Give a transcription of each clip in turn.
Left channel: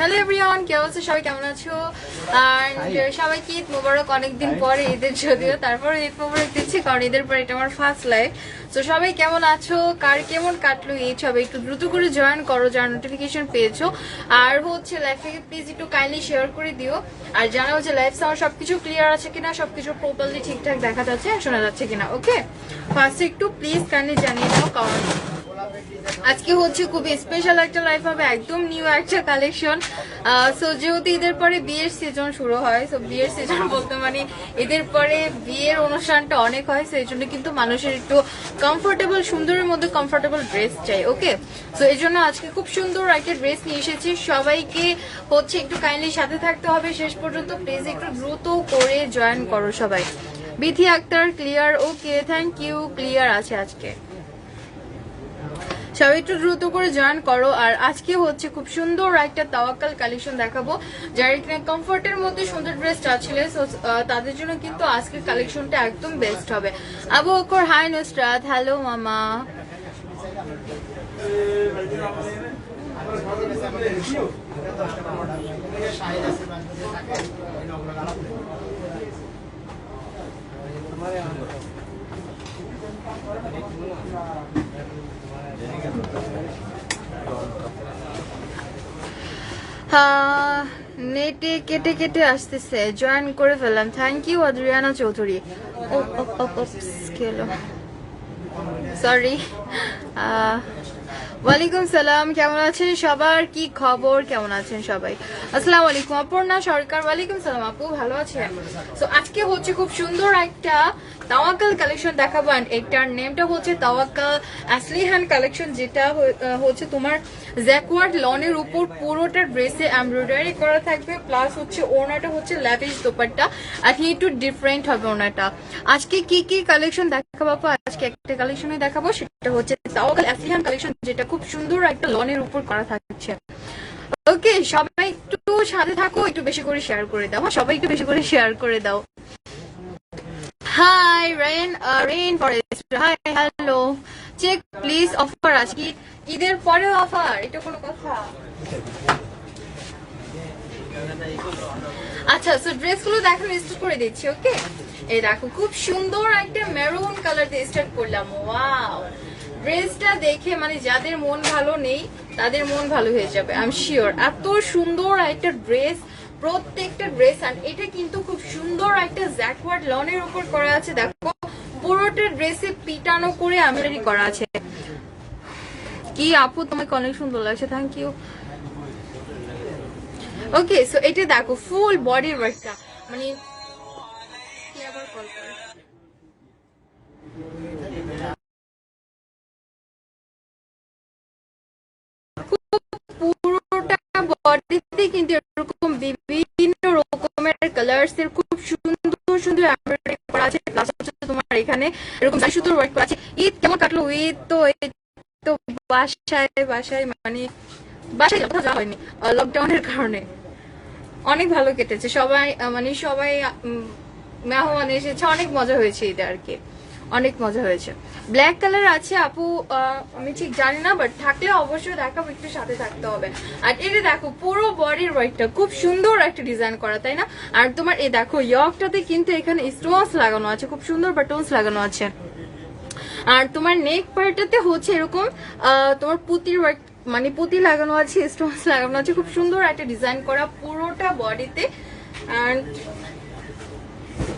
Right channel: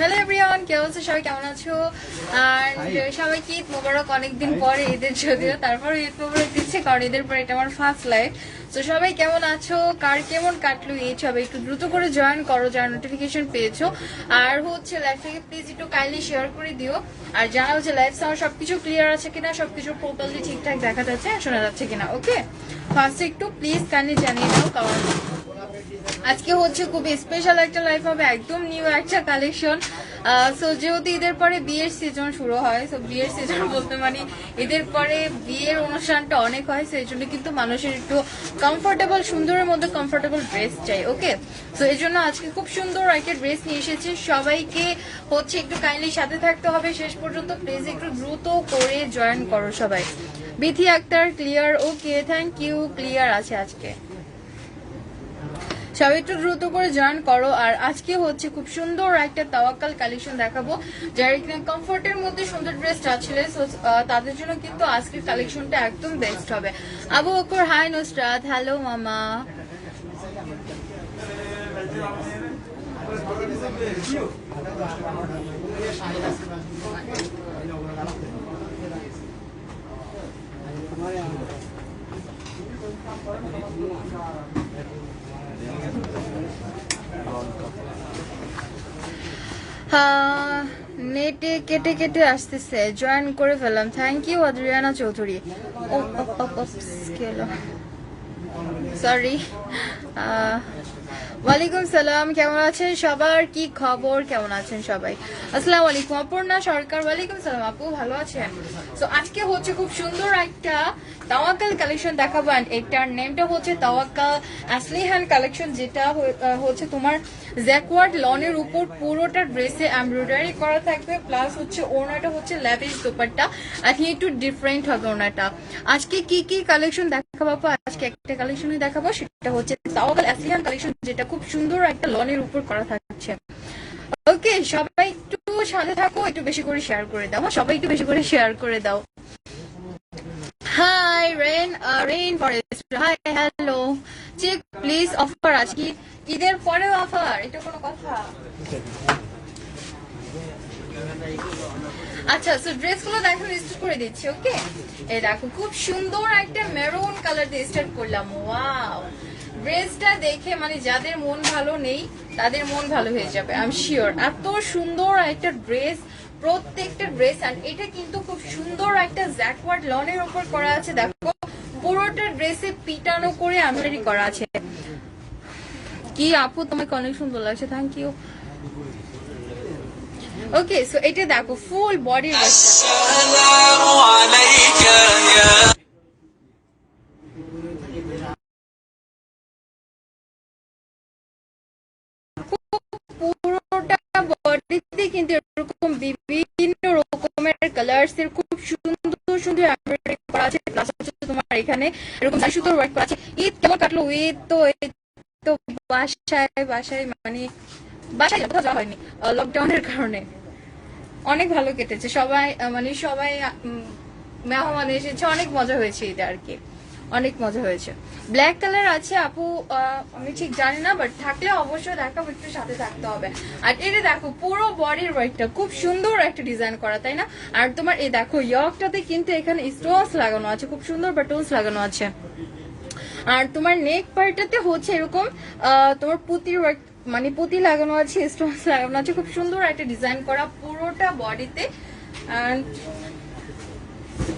Hello everyone, কে বলছো? সবাই কেমন আছো? আর সবাইকে ঈদ মোবারক। অনেকদিন পরে ঈদের, যদিও তারপর ঈদ মোবারক দিচ্ছি, কারণ ঈদের পর এটা আমার ফার্স্ট লাইভ। তো সবাই কেমন আছো, কার কেমন কাটলো ঈদ? সবাই একটু দ্রুত করে জয়েন করো যারা নোটিফিকেশন পেয়েছো। আর হচ্ছে লাইভটাকে প্লিজ একটু কাইন্ডলি শেয়ার করে দিও, আর জানাও যে লাইভ সাউন্ড সবকিছু ক্লিয়ার আছে কিনা, সবকিছু প্রপারলি ঠিকঠাক দেখা যাচ্ছে, শোনা যাচ্ছে কিনা। ওকে, ফার্স্টে একটু প্লিজ কাইন্ডলি জানিয়ে দাও, কারণ আজকে হচ্ছে খুবই স্পেশাল একটা লাইফ হবে, একদম নিউ একটা কালেকশন। সো যেহেতু ঈদের পরে বিয়ের সিজন শুরু হয়, সো বিয়ের সিজন বলতে মানে ঈদের পরে বিয়ের অনুষ্ঠানটা অনেক হয়, সেই জন্য কিন্তু মানুষের একটু কমফোর্টেবল, সুন্দরের মধ্যে কমফোর্টেবল ড্রেস চাই। ওকে, সো এই জন্য আজকে খুব সুন্দর একটা ড্রেস নিয়ে এসেছি। সবাইকে হচ্ছে একটু কাইন্ডলি সাথে থাকতে হবে শেষ পর্যন্ত, প্লিজ একটু দ্রুত করে জয়েন করো সবাই। Bithi Akter clear, okay thank you, clear আছে আজকে। সবাই একটু দ্রুত করে জয়েন করো। আর আজকে হচ্ছে খুব সুন্দর একটা তাওয়াক্কাল কালেকশন দেখাবো, যারা এখানে কমফোর্টের মধ্যে সুন্দর ড্রেস চাচ্ছিলেন, তাদের জন্য কিন্তু আজকের কালেকশনটা একদম বেস্ট হবে। আবু বকর হাই নুসরাত, হ্যালো মামা। নেটে কেটে কেটে আসতেছে, জয়েন করে ফেললাম। Thank you Adriana Chowdhury. Sorry. ওয়ালাইকুম সালাম, কেমন আছেন সবার? কি খবর, কেমন আছেন সবাই? আসসালামু আলাইকুম। অপর্ণা সরকার, ওয়ালাইকুম সালাম আপু, ভালো আছেন? তো আজকে হচ্ছে খুব সুন্দর একটা তাওয়াক্কাল কালেকশন দেখাবো, এন্ড এটার নেমটা হচ্ছে তাওয়াক্কাল আসলিহান কালেকশন, যেটা হচ্ছে তোমার জ্যাকওয়ার্ড লনের উপর পুরোটা ড্রেসে এমব্রয়ডারি করা থাকবে, প্লাস হচ্ছে ওড়নাটা হচ্ছে ল্যাভিশ দোপাট্টা, আজকে একটু ডিফারেন্ট হবে ওড়নাটা। আজকে কি কি কালেকশন দেখাবো? আজকে একটা কালেকশনে দেখাবো, সেটা হচ্ছে তাওয়াক্কাল আসলিহান কালেকশন, যেটা খুব সুন্দর একটা লনের উপর করা থাকছে। ওকে, সবাই একটু সাথে থাকো, একটু বেশি করে শেয়ার করে দাও, সবাই একটু বেশি করে শেয়ার করে দাও। Hi rain forest, hi hello, check please offer আজকে ঈদের পরেও অফার, এটা কোনো কথা? আচ্ছা, সো ড্রেসগুলো দেখো, স্টার্ট করে দিচ্ছি। ওকে, এই দেখো খুব সুন্দর একটা মেরুন কালার দিয়ে স্টার্ট করলাম। ওয়াও, ড্রেসটা দেখে মানে যাদের মন ভালো নেই তাদের মন ভালো হয়ে যাবে, আই এম শিওর। এত সুন্দর একটা ড্রেস, প্রত্যেকটা ড্রেস। আর এটা কিন্তু খুব সুন্দর একটা জ্যাকওয়ার্ড লনের উপর করা আছে, দেখো পুরোটা ড্রেসে পিটানো করে এমব্রয়ডারি করা আছে। কি আপু, তোমাকে অনেক সুন্দর লাগছে, থ্যাংক ইউ। ওকে, সো এটা দেখো ফুল বডির ওয়ার্কটা, পুরোটা বডিতে কিন্তু এরকম বিভিন্ন রকমের কালার্স এর খুব সুন্দর সুন্দর এমব্রয়ডারি করা আছে, প্লাস হচ্ছে তোমার এখানে এরকম সুন্দর ওয়ার্ক করা আছে। ঈদ কেমন কাটলো? ঈদ তো বাসায় মানে বাসায় যাওয়া হয়নি লকডাউনের কারণে, অনেক ভালো কেটেছে। সবাই মেহমান এসেছে, অনেক মজা হয়েছে এটা আর কি, অনেক মজা হয়েছে। ব্ল্যাক কালার আছে আপু, আমি ঠিক জানি না, বাট থাকলে অবশ্যই দেখাবো, একটু সাথে থাকতে হবে। আর এটা দেখো পুরো বডির ওয়ার্কটা খুব সুন্দর একটা ডিজাইন করা, তাই না? আর তোমার এই দেখো ইয়কটাতে কিন্তু এখানে স্টোনস লাগানো আছে, খুব সুন্দর বাটনস লাগানো আছে। আর তোমার নেক পার্টটাতে হচ্ছে এরকম তোমার পুতির ওয়ার্ক, মানে পুঁতি লাগানো আছে, স্টোনস লাগানো আছে, খুব সুন্দর একটা ডিজাইন করা পুরোটা বডিতে।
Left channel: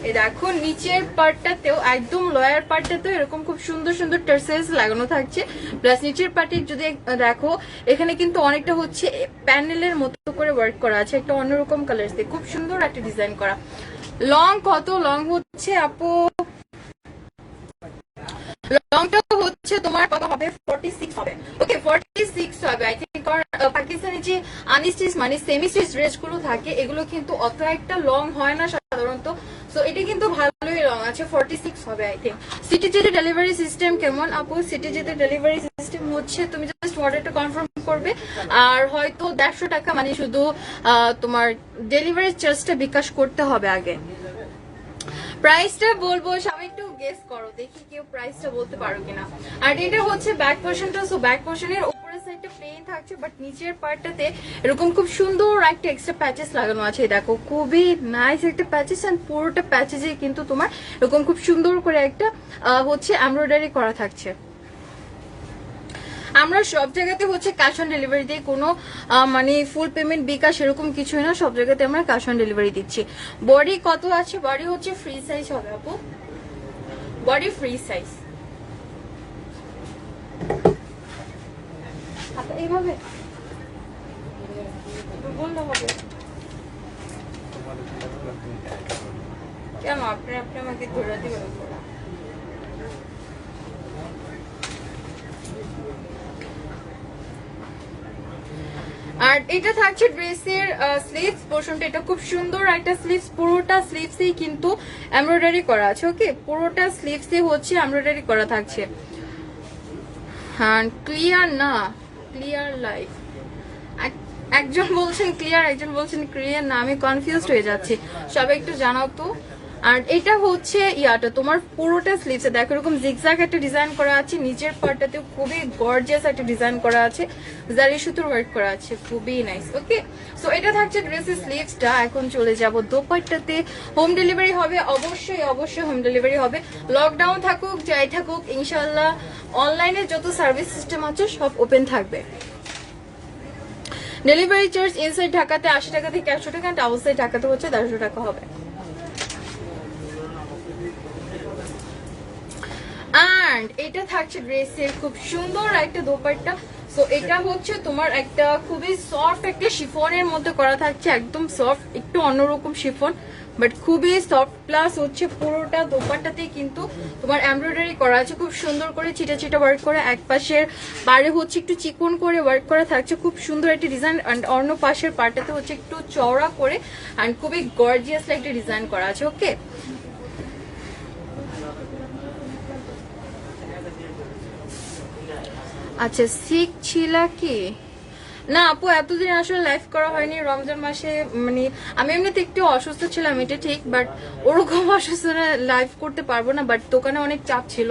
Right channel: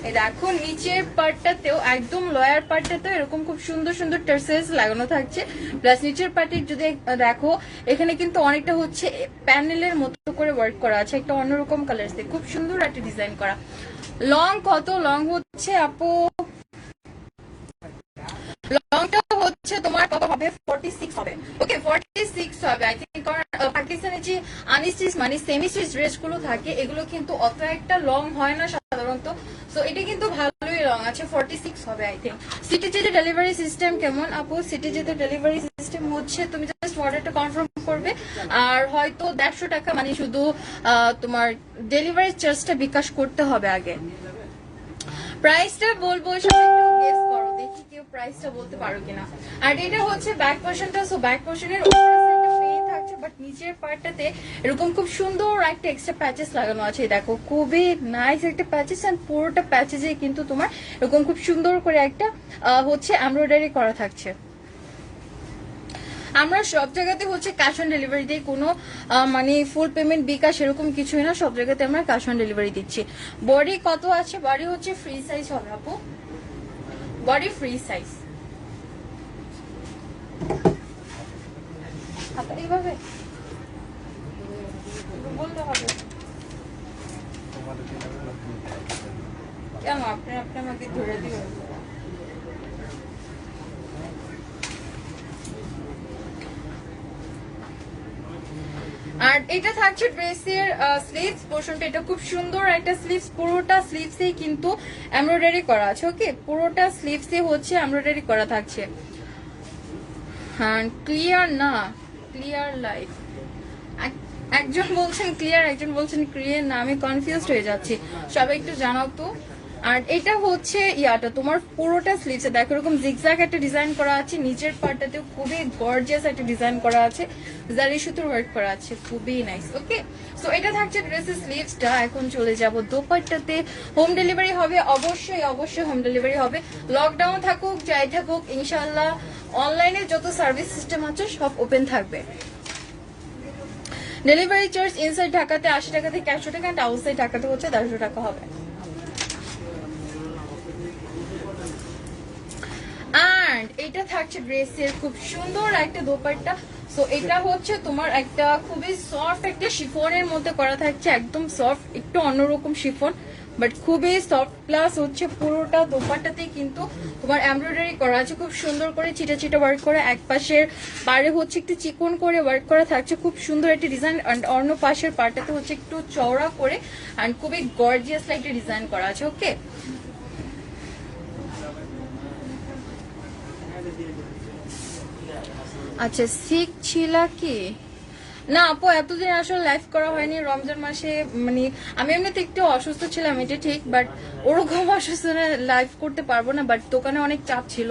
এই দেখো নিচের পার্টটাতেও একদম লয়ার পার্টটাতেও এরকম খুব সুন্দর সুন্দর টার্সেলস লাগানো থাকছে। প্লাস নিচের পার্টে যদি দেখো এখানে কিন্তু অনেকটা হচ্ছে প্যানেলের মতো করে ওয়ার্ক করা আছে, একটা অন্যরকম কালার দিয়ে খুব সুন্দর একটা ডিজাইন করা। লং কত? লং হচ্ছে আপু লংটা হচ্ছে তোমার কত হবে? 46 হবে। ওকে 46 হবে আই থিংক। কারণ পাকিস্তানি যে আনস্টিচ মানে সেমি স্টিচ ড্রেস গুলো থাকে এগুলো কিন্তু অত একটা লং হয় না সাধারণত, সো এটা কিন্তু ভালোই লং আছে, 46 হবে আই থিংক। সিটি যেতে ডেলিভারি সিস্টেম কেমন আপু? সিটি যেতে ডেলিভারি সিস্টেম হচ্ছে তুমি জাস্ট অর্ডারটা কনফার্ম করবে আর হয়তো 150 টাকা মানে শুধু তোমার ডেলিভারি চার্জটা বিকাশ করতে হবে আগে। প্রাইসটা বলবো সবাই একটু গেস করো, দেখি কেউ প্রাইসটা বলতে পারো কিনা। আর এটা হচ্ছে ব্যাক পোর্শনটা, সো ব্যাক পোর্শনের উপরের সাইডটা প্লেন থাকছে বাট নিচের পার্টটাতে এরকম খুব সুন্দর একটা এক্সট্রা প্যাচেস লাগানো আছে। দেখো খুবই নাইস একটা প্যাচেস এন্ড পুরোটা প্যাচেসে কিন্তু তোমার এরকম খুব সুন্দর করে একটা হচ্ছে এমব্রয়ডারি করা থাকছে। আমরা সব জায়গাতে হচ্ছে ক্যাশ অন ডেলিভারি দিই, কোনো মানে ফুল পেমেন্ট বিকাশ এরকম কিছুই না, সব জায়গাতে আমরা ক্যাশ অন ডেলিভারি দিচ্ছি। বডি কত আছে? বডি হচ্ছে ফ্রি সাইজ হবে আপু, বডি ফ্রি সাইজ। এইভাবে বলতে হবে কেন? আপনি আমাকে ধরে দিবেন। আর এটা থাকছে ড্রেসের স্লিভস পোর্শনটা, এটা খুব সুন্দর একটা স্লিভস, পুরোটা স্লিভসেই কিন্তু এমব্রয়ডারি করা আছে। ওকে পুরোটা স্লিভসে হচ্ছে এমব্রয়ডারি করা থাকছে। হ্যাঁ ক্লিয়ার না, ক্লিয়ার লাইট। একজন বলছেন ক্লিয়ার, একজন বলছেন ক্লিয়ার না, আমি কনফিউজড হয়ে যাচ্ছি, সবাই একটু জানাও তো। আর এটা হচ্ছে ইয়াটা তোমার পুরোটা স্লিভসে দেখো এরকম জিগজ্যাগ একটা ডিজাইন করা আছে, নিচের পার্টটাতেও খুবই গর্জিয়াস একটা ডিজাইন করা আছে, জারি সুতোর ওয়ার্ক করা আছে, খুবই নাইস। ওকে সো এটা থাকছে ড্রেসের স্লিভসটা। এখন চলে যাব দোপাট্টাতে। হোম ডেলিভারি হবে অবশ্যই, অবশ্যই হোম ডেলিভারি হবে। লকডাউন থাকুক যাই থাকুক ইনশাআল্লাহ অনলাইনে যত সার্ভিস সিস্টেম আছে সব ওপেন থাকবে। ডেলিভারি চার্জ ইনসাইড ঢাকাতে 80 টাকা থেকে 100 টাকা, আউটসাইড ঢাকাতে হচ্ছে 150 টাকা হবে। এন্ড এটা থাকছে ড্রেসের খুব সুন্দর একটা দোপাট্টা। সো এটা হচ্ছে তোমার একটা খুবই সফট একটা শিফনের মধ্যে করা থাকছে, একদম সফট, একটু অন্যরকম শিফন বাট খুবই সফট। প্লাস হচ্ছে পুরোটা দোপাট্টাতে কিন্তু তোমার এমব্রয়ডারি করা আছে খুব সুন্দর করে, চিটা চিটা ওয়ার্ক করে, এক পাশের পাড়ে হচ্ছে একটু চিকন করে ওয়ার্ক করা থাকছে, খুব সুন্দর একটা ডিজাইন। অ্যান্ড অন্য পাশের পাড়টাতে হচ্ছে একটু চওড়া করে অ্যান্ড খুবই গর্জিয়াস একটা ডিজাইন করা আছে। ওকে আচ্ছা সিক ছিলা কি না আপু? এতদিন আসলে লাইভ করা হয়নি রমজান মাসে, মানে আমি এমনিতে একটু অসুস্থ ছিলাম এটা ঠিক, বাট ওরকম অসুস্থ লাইভ করতে পারবো না, বাট দোকানে অনেক চাপ ছিল,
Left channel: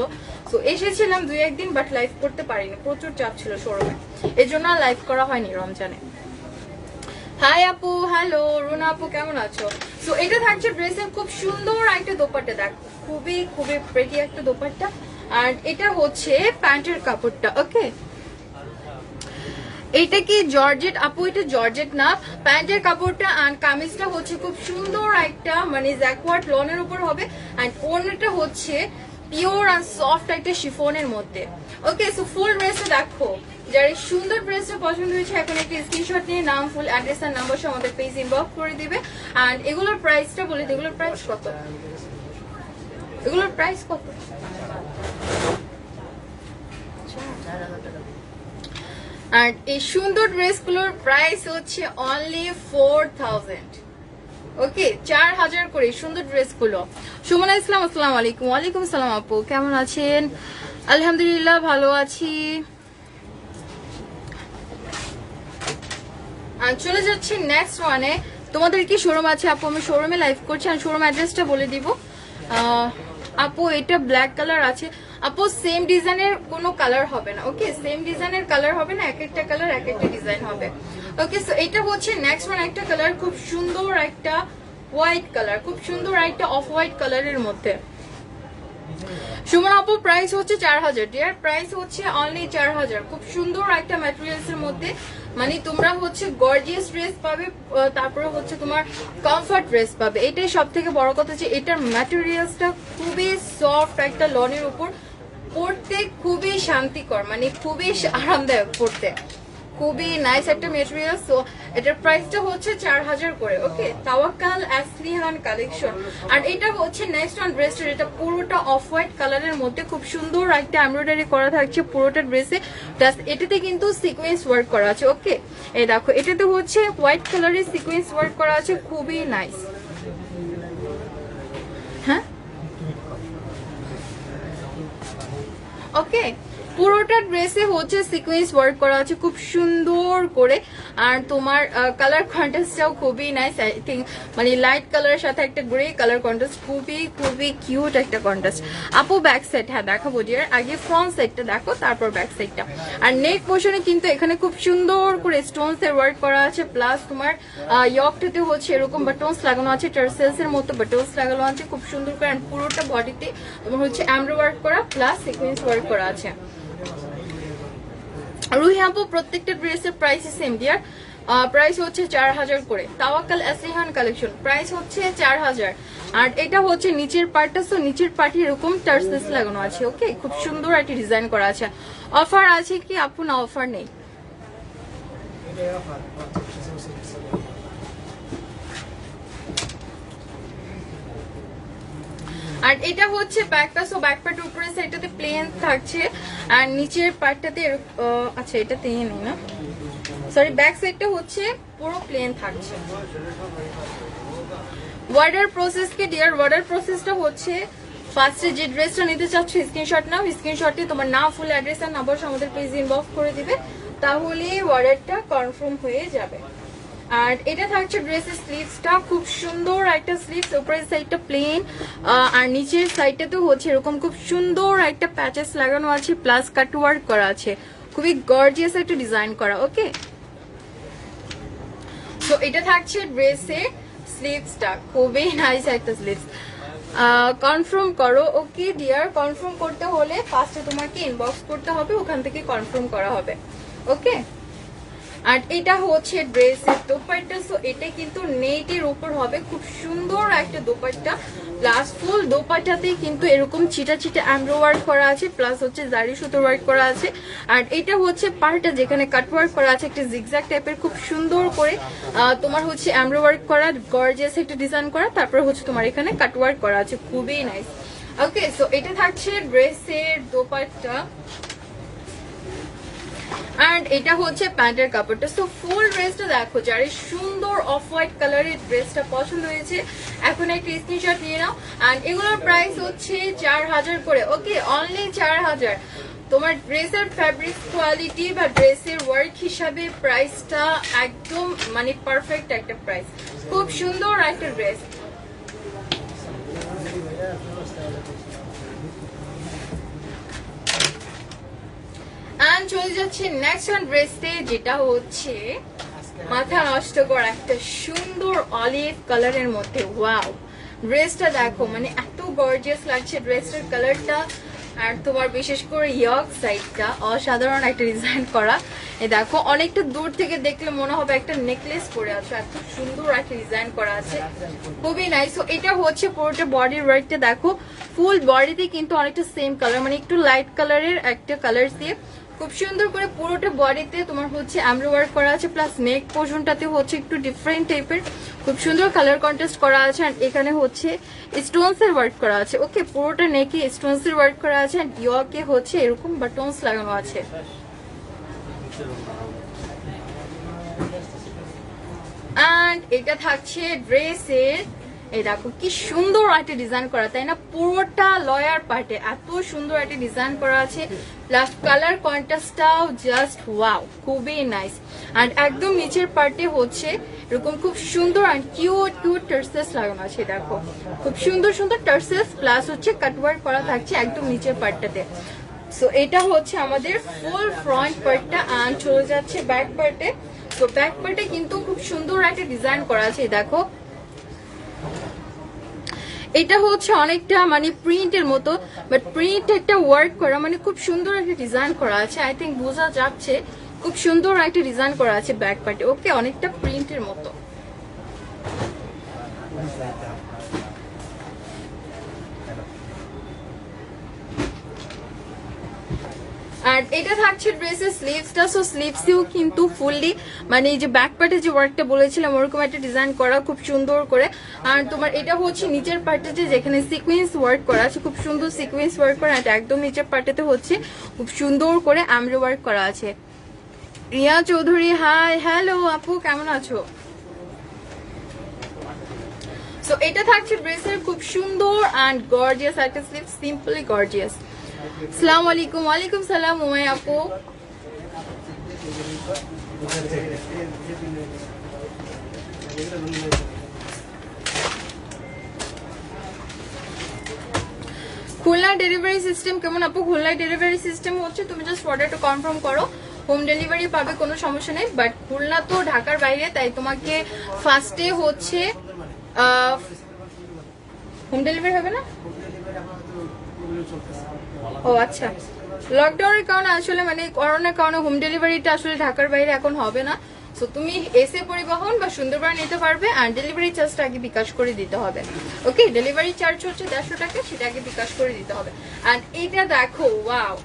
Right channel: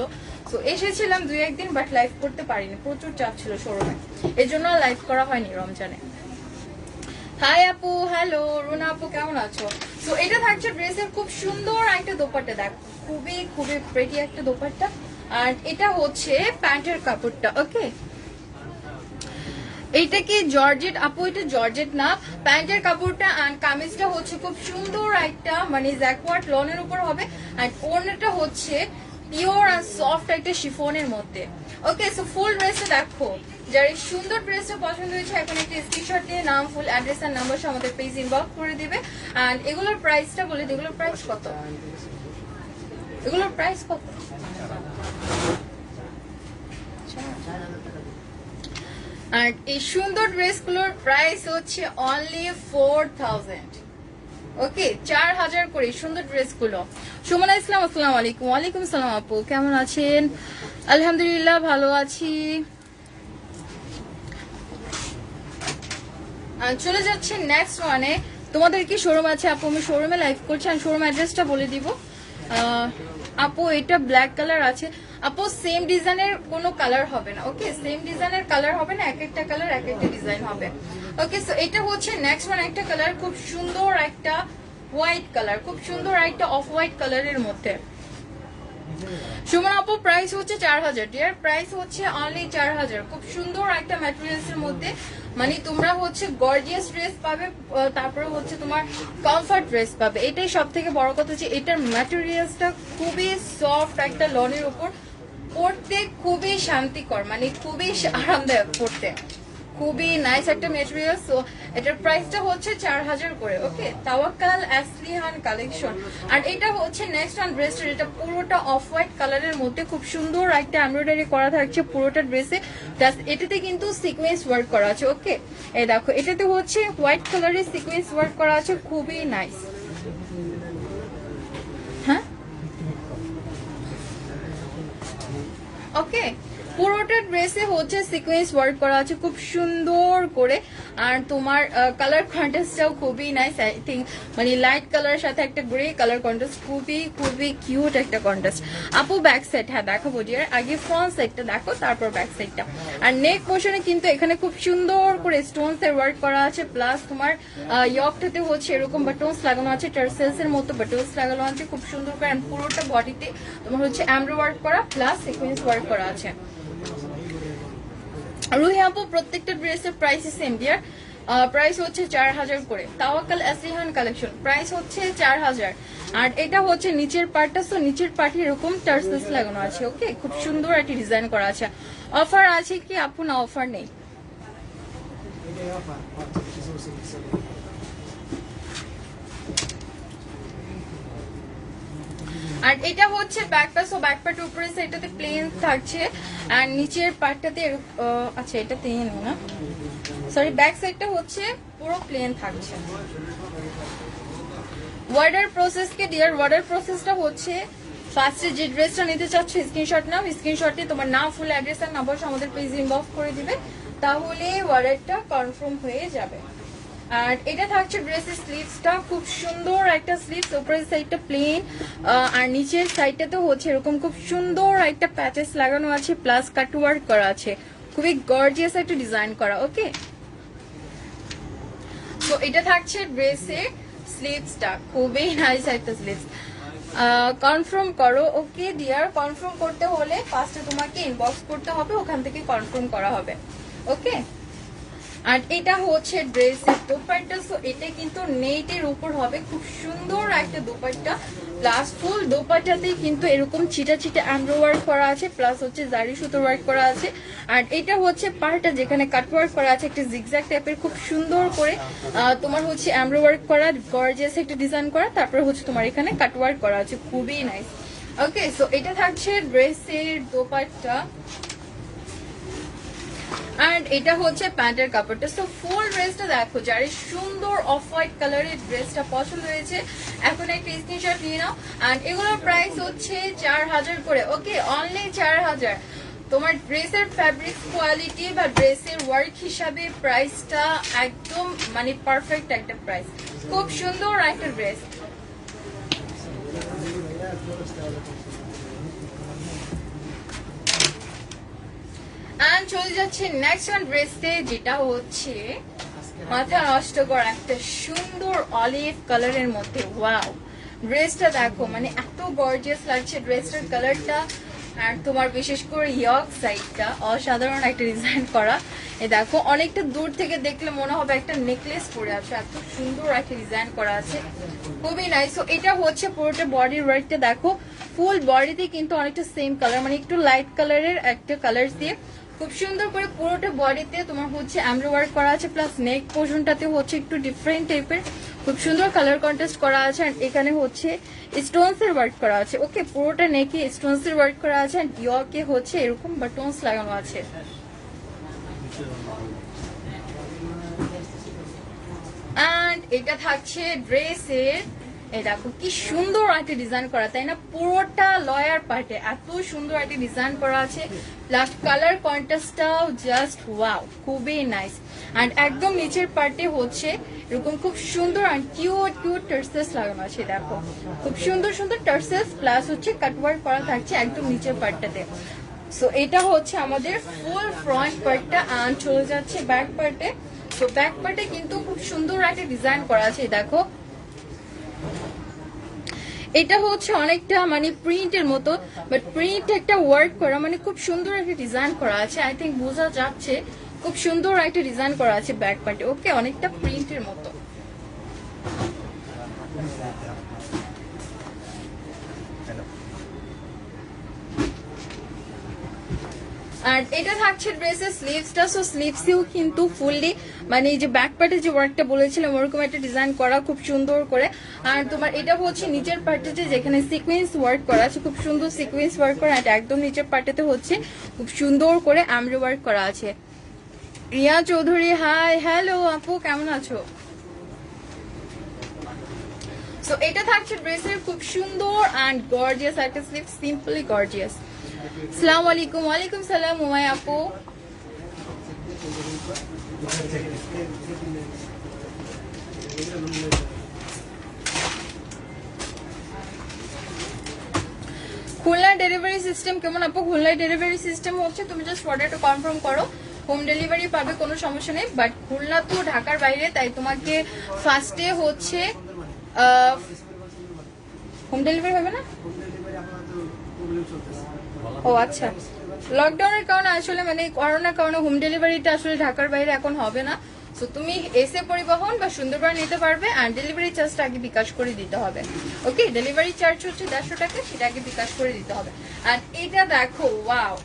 তো এসেছিলাম 2-1 দিন বাট লাইভ করতে পারিনি, প্রচুর চাপ ছিল শোরুমে, এই জন্য লাইভ করা হয়নি রমজানে। হাই আপু, হ্যালো রুনা আপু কেমন আছো? তো এটা থাকছে ড্রেসের খুব সুন্দর একটা দোপাট্টা, দেখ খুবই খুবই প্রেটি একটা দোপাট্টা। আর এটা হচ্ছে প্যান্টের কাপড়টা। ওকে এটা কি জর্জেট আপু? এটা জর্জেট না, প্যান্টের কাপড়টা। আর কামিজটা হচ্ছে খুব সুন্দর একটা মানে জ্যাকওয়ার্ড লনের উপর হবে, আর ওড়নাটা হচ্ছে পিওর আর সফট একটা শিফনের মধ্যে। ওকে সো ফুল ড্রেসে দেখো, যার এই সুন্দর ড্রেসটা পছন্দ হয়েছে এখন একটা স্ক্রিনশট নিয়ে নাম, ফুল অ্যাড্রেস আর নাম্বার সহ আমাদের পেজ ইনবক্স করে দিবে। আর এগুলোর প্রাইসটা বলে দিই, এগুলোর প্রাইস কত? এগুলোর প্রাইস কত? আর এই সুন্দর ড্রেসগুলোর প্রাইস হচ্ছে অনলি 4000। ওকে 4000 করে সুন্দর ড্রেসগুলো। সুমনা ইসলাম আসসালামু আলাইকুম। ওয়ালাইকুম আসসালাম আপু কেমন আছেন? আলহামদুলিল্লাহ ভালো আছি। চলে যাচ্ছি নেক্সট ওয়ানে। তোমাদের কি শোরুম আছে আপু? আমি শোরুমে লাইভ করছি, আর শোরুম অ্যাড্রেসটা বলে দিব। আপু এটা ব্ল্যাক কালার আছে আপু, সেম ডিজাইনের কোনো কালার হবে না। ওকে সেম ডিজাইনের কালার হবে না, এক একটা কালার এক একটা ডিজাইন হবে। ওকে সো এটা হচ্ছে নেক্সট ওয়ান একটা কালার, খুব সুন্দর একটা হোয়াইট কালার, খুব সুন্দর একটা অফ হোয়াইট কালারের মধ্যে। সুমন আপু প্রাইস হচ্ছে 4000, ডিয়ার প্রাইস হচ্ছে অনলি 4000। খুব সুন্দর একটা ম্যাটেরিয়ালস এর মধ্যে, মানে তোমরা হচ্ছে গর্জিয়াস ড্রেস পাবে, তারপরে হচ্ছে তোমার কমফর্ট ড্রেস পাবে। এটাই সব থেকে বড় কথা যে এটার ম্যাটেরিয়ালসটা খুবই সফট, একটা লনের উপর পরতে খুবই শান্তিকর, মানে খুবই আরামদায়ক পরতে, খুবই নাইস একটা মেটেরিয়াল। সো এটার প্রাইসটা হচ্ছে 4000 করে। ওকে, তাওয়াক্কাল আসলিহান কালেকশন। আর এটা হচ্ছে নেক্সট ওয়ান ড্রেসটা, এটা পুরোটা অফ হোয়াইট কালারের মধ্যে খুব সুন্দর একটা এমব্রয়ডারি করা থাকছে পুরোটা ড্রেসে। এটাতে কিন্তু সিকোয়েন্স ওয়ার্ক করা আছে। ওকে, এই দেখো এটাতে হচ্ছে হোয়াইট কালারের সিকোয়েন্স ওয়ার্ক করা আছে, খুবই নাইস। হ্যাঁ, ওকে, পুরোটা ড্রেসে হচ্ছে সিকোয়েন্স ওয়ার্ক করা আছে খুব সুন্দর করে। আর তোমার কালার কন্ট্রাস্টটাও খুবই নাইস, আই থিঙ্ক মানে লাইট কালারের সাথে একটা গ্রে কালার কন্ট্রাস্ট, খুবই খুবই কিউট একটা কন্ট্রাস্ট। আপু ব্যাক সাইড, হ্যাঁ দেখাবো ডিয়ার, আগে ফ্রন্ট সাইডটা দেখো তারপর ব্যাক সাইডটা। আর নেক পোর্শনে কিন্তু এখানে খুব সুন্দর করে স্টোনস এর ওয়ার্ক করা আছে, প্লাস তোমার ইয়কটাতে হচ্ছে এরকম বাটনস লাগানো আছে, টার্সেলস এর মতো বাটনস লাগানো আছে খুব সুন্দর করে। আর পুরোটা বডিতে তোমার হচ্ছে এমব্রয়ডারি ওয়ার্ক করা প্লাস সিকোয়েন্স ওয়ার্ক করা আছে। রুহি আপু প্রত্যেকটা ড্রেসের প্রাইস সেম ডিয়ার, প্রাইস হচ্ছে 4000 করে। তাওয়াক্কাল আসলিহান কালেকশন প্রাইস হচ্ছে 4000। আর এটা হচ্ছে নিচের পার্টটা, তো নিচের পার্টে এরকম টার্সেলস লাগানো আছে। ওকে, খুব সুন্দর একটা ডিজাইন করা আছে। অফার আছে কি আপু? না, অফার নেই। আর এটা হচ্ছে ব্যাক পার্ট, সো ব্যাক পার্টের উপরে সাইডটাতে প্লেন থাকছে আর নিচের পার্টটাতে আচ্ছা এটা নেই না, সরি ব্যাক সাইডটা হচ্ছে পুরো প্লেন থাকছে। ওয়ার্ডার প্রসেস কি ডিয়ার? ওয়ার্ডার প্রসেসটা হচ্ছে ফার্স্টে যে ড্রেসটা নিতে চাচ্ছ স্ক্রিনশট নাও, স্ক্রিনশটে তোমার নাম, ফুল অ্যাড্রেস আর নাম্বার আমাদের পেজে ইনবক্স করে দিবে, তাহলে ওয়ার্ডারটা কনফার্ম হয়ে যাবে। আর এটা থাকছে ড্রেসের স্লিভসটা, খুব সুন্দর একটা স্লিভস, উপরের সাইডটা প্লেন আর নিচের সাইডটাতে হচ্ছে এরকম খুব সুন্দর একটা প্যাচেস লাগানো আছে প্লাস কাট ওয়ার্ক করা আছে, খুবই গর্জিয়াস একটা ডিজাইন করা। ওকে, তো এটা থাকছে ড্রেসের স্লিভসটা, খুবই নাইস একটা স্লিভস। কনফার্ম করো। ওকে ডিয়ার, কনফার্ম করতে হলে ফার্স্টে তোমাকে ইনবক্স করতে হবে, ওখান থেকে কনফার্ম করা হবে। ওকে, আর এটা হচ্ছে ড্রেসের দোপাট্টা, সো এটা কিন্তু নেটের উপর হবে, খুব সুন্দর একটা দোপাট্টা প্লাস ফুল দোপাট্টাতেই কিন্তু এরকম চিটা চিটা এমব্রয়ডারি ওয়ার্ক করা আছে প্লাস হচ্ছে জারি সুতো ওয়ার্ক করা আছে। আর এটা হচ্ছে পার্টটা যেখানে কাট ওয়ার্ক করা আছে একটা জিগজ্যাগ টাইপের, খুব সুন্দর করে তোমার হচ্ছে এমব্রয়ডারি ওয়ার্ক করা, গর্জিয়াস একটা ডিজাইন করা, তারপর হচ্ছে তোমার এখানে কাট ওয়ার্ক করা আছে, খুবই নাইস। ওকে, সো এটা থাকছে ড্রেসের দোপাট্টা এন্ড এটা হচ্ছে প্যান্টের কাপড়টা। সো ফুল ড্রেসটা দেখো, যার সুন্দর অফ হোয়াইট কালারের ড্রেসটা পছন্দ হয়েছে এখন একটা স্ক্রিনশট নিয়ে নাও। এন্ড এগুলোর প্রাইস হচ্ছে 4000 করে। ওকে, অনলি 4000। তোমার ড্রেসের ফ্যাব্রিক কোয়ালিটি বা ড্রেসের ওয়ার্ক হিসাবে প্রাইসটা একদম মানে পারফেক্ট একটা প্রাইস, খুব সুন্দর একটা ড্রেস। চলে যাচ্ছে নেক্সট ওয়ান ড্রেসে, যেটা হচ্ছে মাথা নষ্ট করা একটা সুন্দর অলিভ কালারের মধ্যে। ওয়াও, ড্রেসটা দেখো, মানে এত গর্জিয়াস লাগছে ড্রেসটার কালারটা। আর তোমার বিশেষ করে ইয়ক সাইডটা অসাধারণ একটা ডিজাইন করা। এ দেখো, অনেকটা দূর থেকে দেখলে মনে হবে একটা নেকলেস পরে আছে, এত সুন্দর একটা ডিজাইন করা আছে, খুবই নাইস। তো এটা হচ্ছে পুরোটা বডির ওয়ার্কটা দেখো, ফুল বডিতে কিন্তু অনেকটা সেম কালার, মানে একটু লাইট কালারের একটা কালার দিয়ে খুব সুন্দর করে পুরোটা বডিতে তোমার হচ্ছে এমব্রয়ডারি ওয়ার্ক করা আছে, প্লাস নেক পোর্শনটাতে হচ্ছে একটু ডিফারেন্ট টাইপের খুব সুন্দর কালার কন্ট্রাস্ট করা আছে। আর এখানে হচ্ছে স্টোনস এর ওয়ার্ক করা আছে। ওকে, পুরোটা নেকে স্টোনস এর ওয়ার্ক করা আছে, আর ইয়কে হচ্ছে এরকম বাটনস লাগানো আছে। এন্ড এটা থাকছে ড্রেসের, এই দেখো কি সুন্দর একটা ডিজাইন করা, তাই না? পুরোটা লয়ার পার্টে এত সুন্দর একটা ডিজাইন করা আছে, প্লাস কালার কন্ট্রাস্টটাও জাস্ট ওয়াও, খুবই নাইস। এন্ড একদম নিচের পার্টে হচ্ছে এরকম খুব সুন্দর আর কিউট কিউট টার্সেলস লাগানো আছে, দেখো খুব সুন্দর সুন্দর টার্সেলস প্লাস হচ্ছে কাটওয়ার্ক করা থাকছে একদম নিচের পার্টটাতে। সো এটা হচ্ছে আমাদের ফুল ফ্রন্ট পার্টটা, আর চলে যাচ্ছে ব্যাক পার্টে। তো ব্যাক পার্টে কিন্তু খুব সুন্দর একটা ডিজাইন করা আছে, দেখো এটা হচ্ছে অনেকটা মানে প্রিন্টের মতো, বাট প্রিন্ট একটা ওয়ার্ক করা, মানে খুব সুন্দর একটা ডিজাইন করা আছে। আই থিঙ্ক বোঝা যাচ্ছে, খুব সুন্দর একটা ডিজাইন করা আছে ব্যাক পার্টে। ওকে, অনেকটা প্রিন্টের মতো। আর এটা থাকছে ড্রেসের স্লিভসটা। সো স্লিভসেও কিন্তু ফুললি মানে এই যে ব্যাক পার্টে যে ওয়ার্কটা বলেছিলাম ওরকম একটা ডিজাইন করা খুব সুন্দর করে। আর তোমার এটা হচ্ছে নিচের পার্টে যেখানে সিকোয়েন্স ওয়ার্ক করা আছে, খুব সুন্দর সিকোয়েন্স ওয়ার্ক করা। এটা একদম নিচের পার্টেতে হচ্ছে খুব সুন্দর করে এমব্রয়ডারি ওয়ার্ক করা আছে। রিয়া চৌধুরী, হাই, হ্যালো আপু, কেমন আছো? সো এটা থাকছে ড্রেসের খুব সুন্দর অ্যান্ড গর্জিয়াস একটা স্লিভ, সিম্পলি গর্জিয়াস। আসসালামু আলাইকুম। ওয়ালাইকুম সালাম উমাই আপু। খুলনা ডেলিভারি সিস্টেম কেমন আপু? খুলনায় ডেলিভারি সিস্টেম হচ্ছে তুমি জাস্ট অর্ডারটা কনফার্ম করো, হোম ডেলিভারি পাবে, কোনো সমস্যা নেই। বাট খুলনা তো ঢাকার বাইরে, তাই তোমাকে ফার্স্টে হচ্ছে হোম ডেলিভারি হবে না। ও আচ্ছা, লকডাউনের কারণে আসলে মানে করোনার কারণে হোম ডেলিভারিটা আসলে ঢাকার বাইরে এখন হবে না। সো তুমি এসে পরিবহন বা সুন্দরবন নিতে পারবে, আর ডেলিভারি চার্জটা আগে বিকাশ করে দিতে হবে। ওকে, ডেলিভারি চার্জ হচ্ছে 150 টাকা, সেটা আগে বিকাশ করে দিতে হবে। আর এটা দেখো, ওয়াও,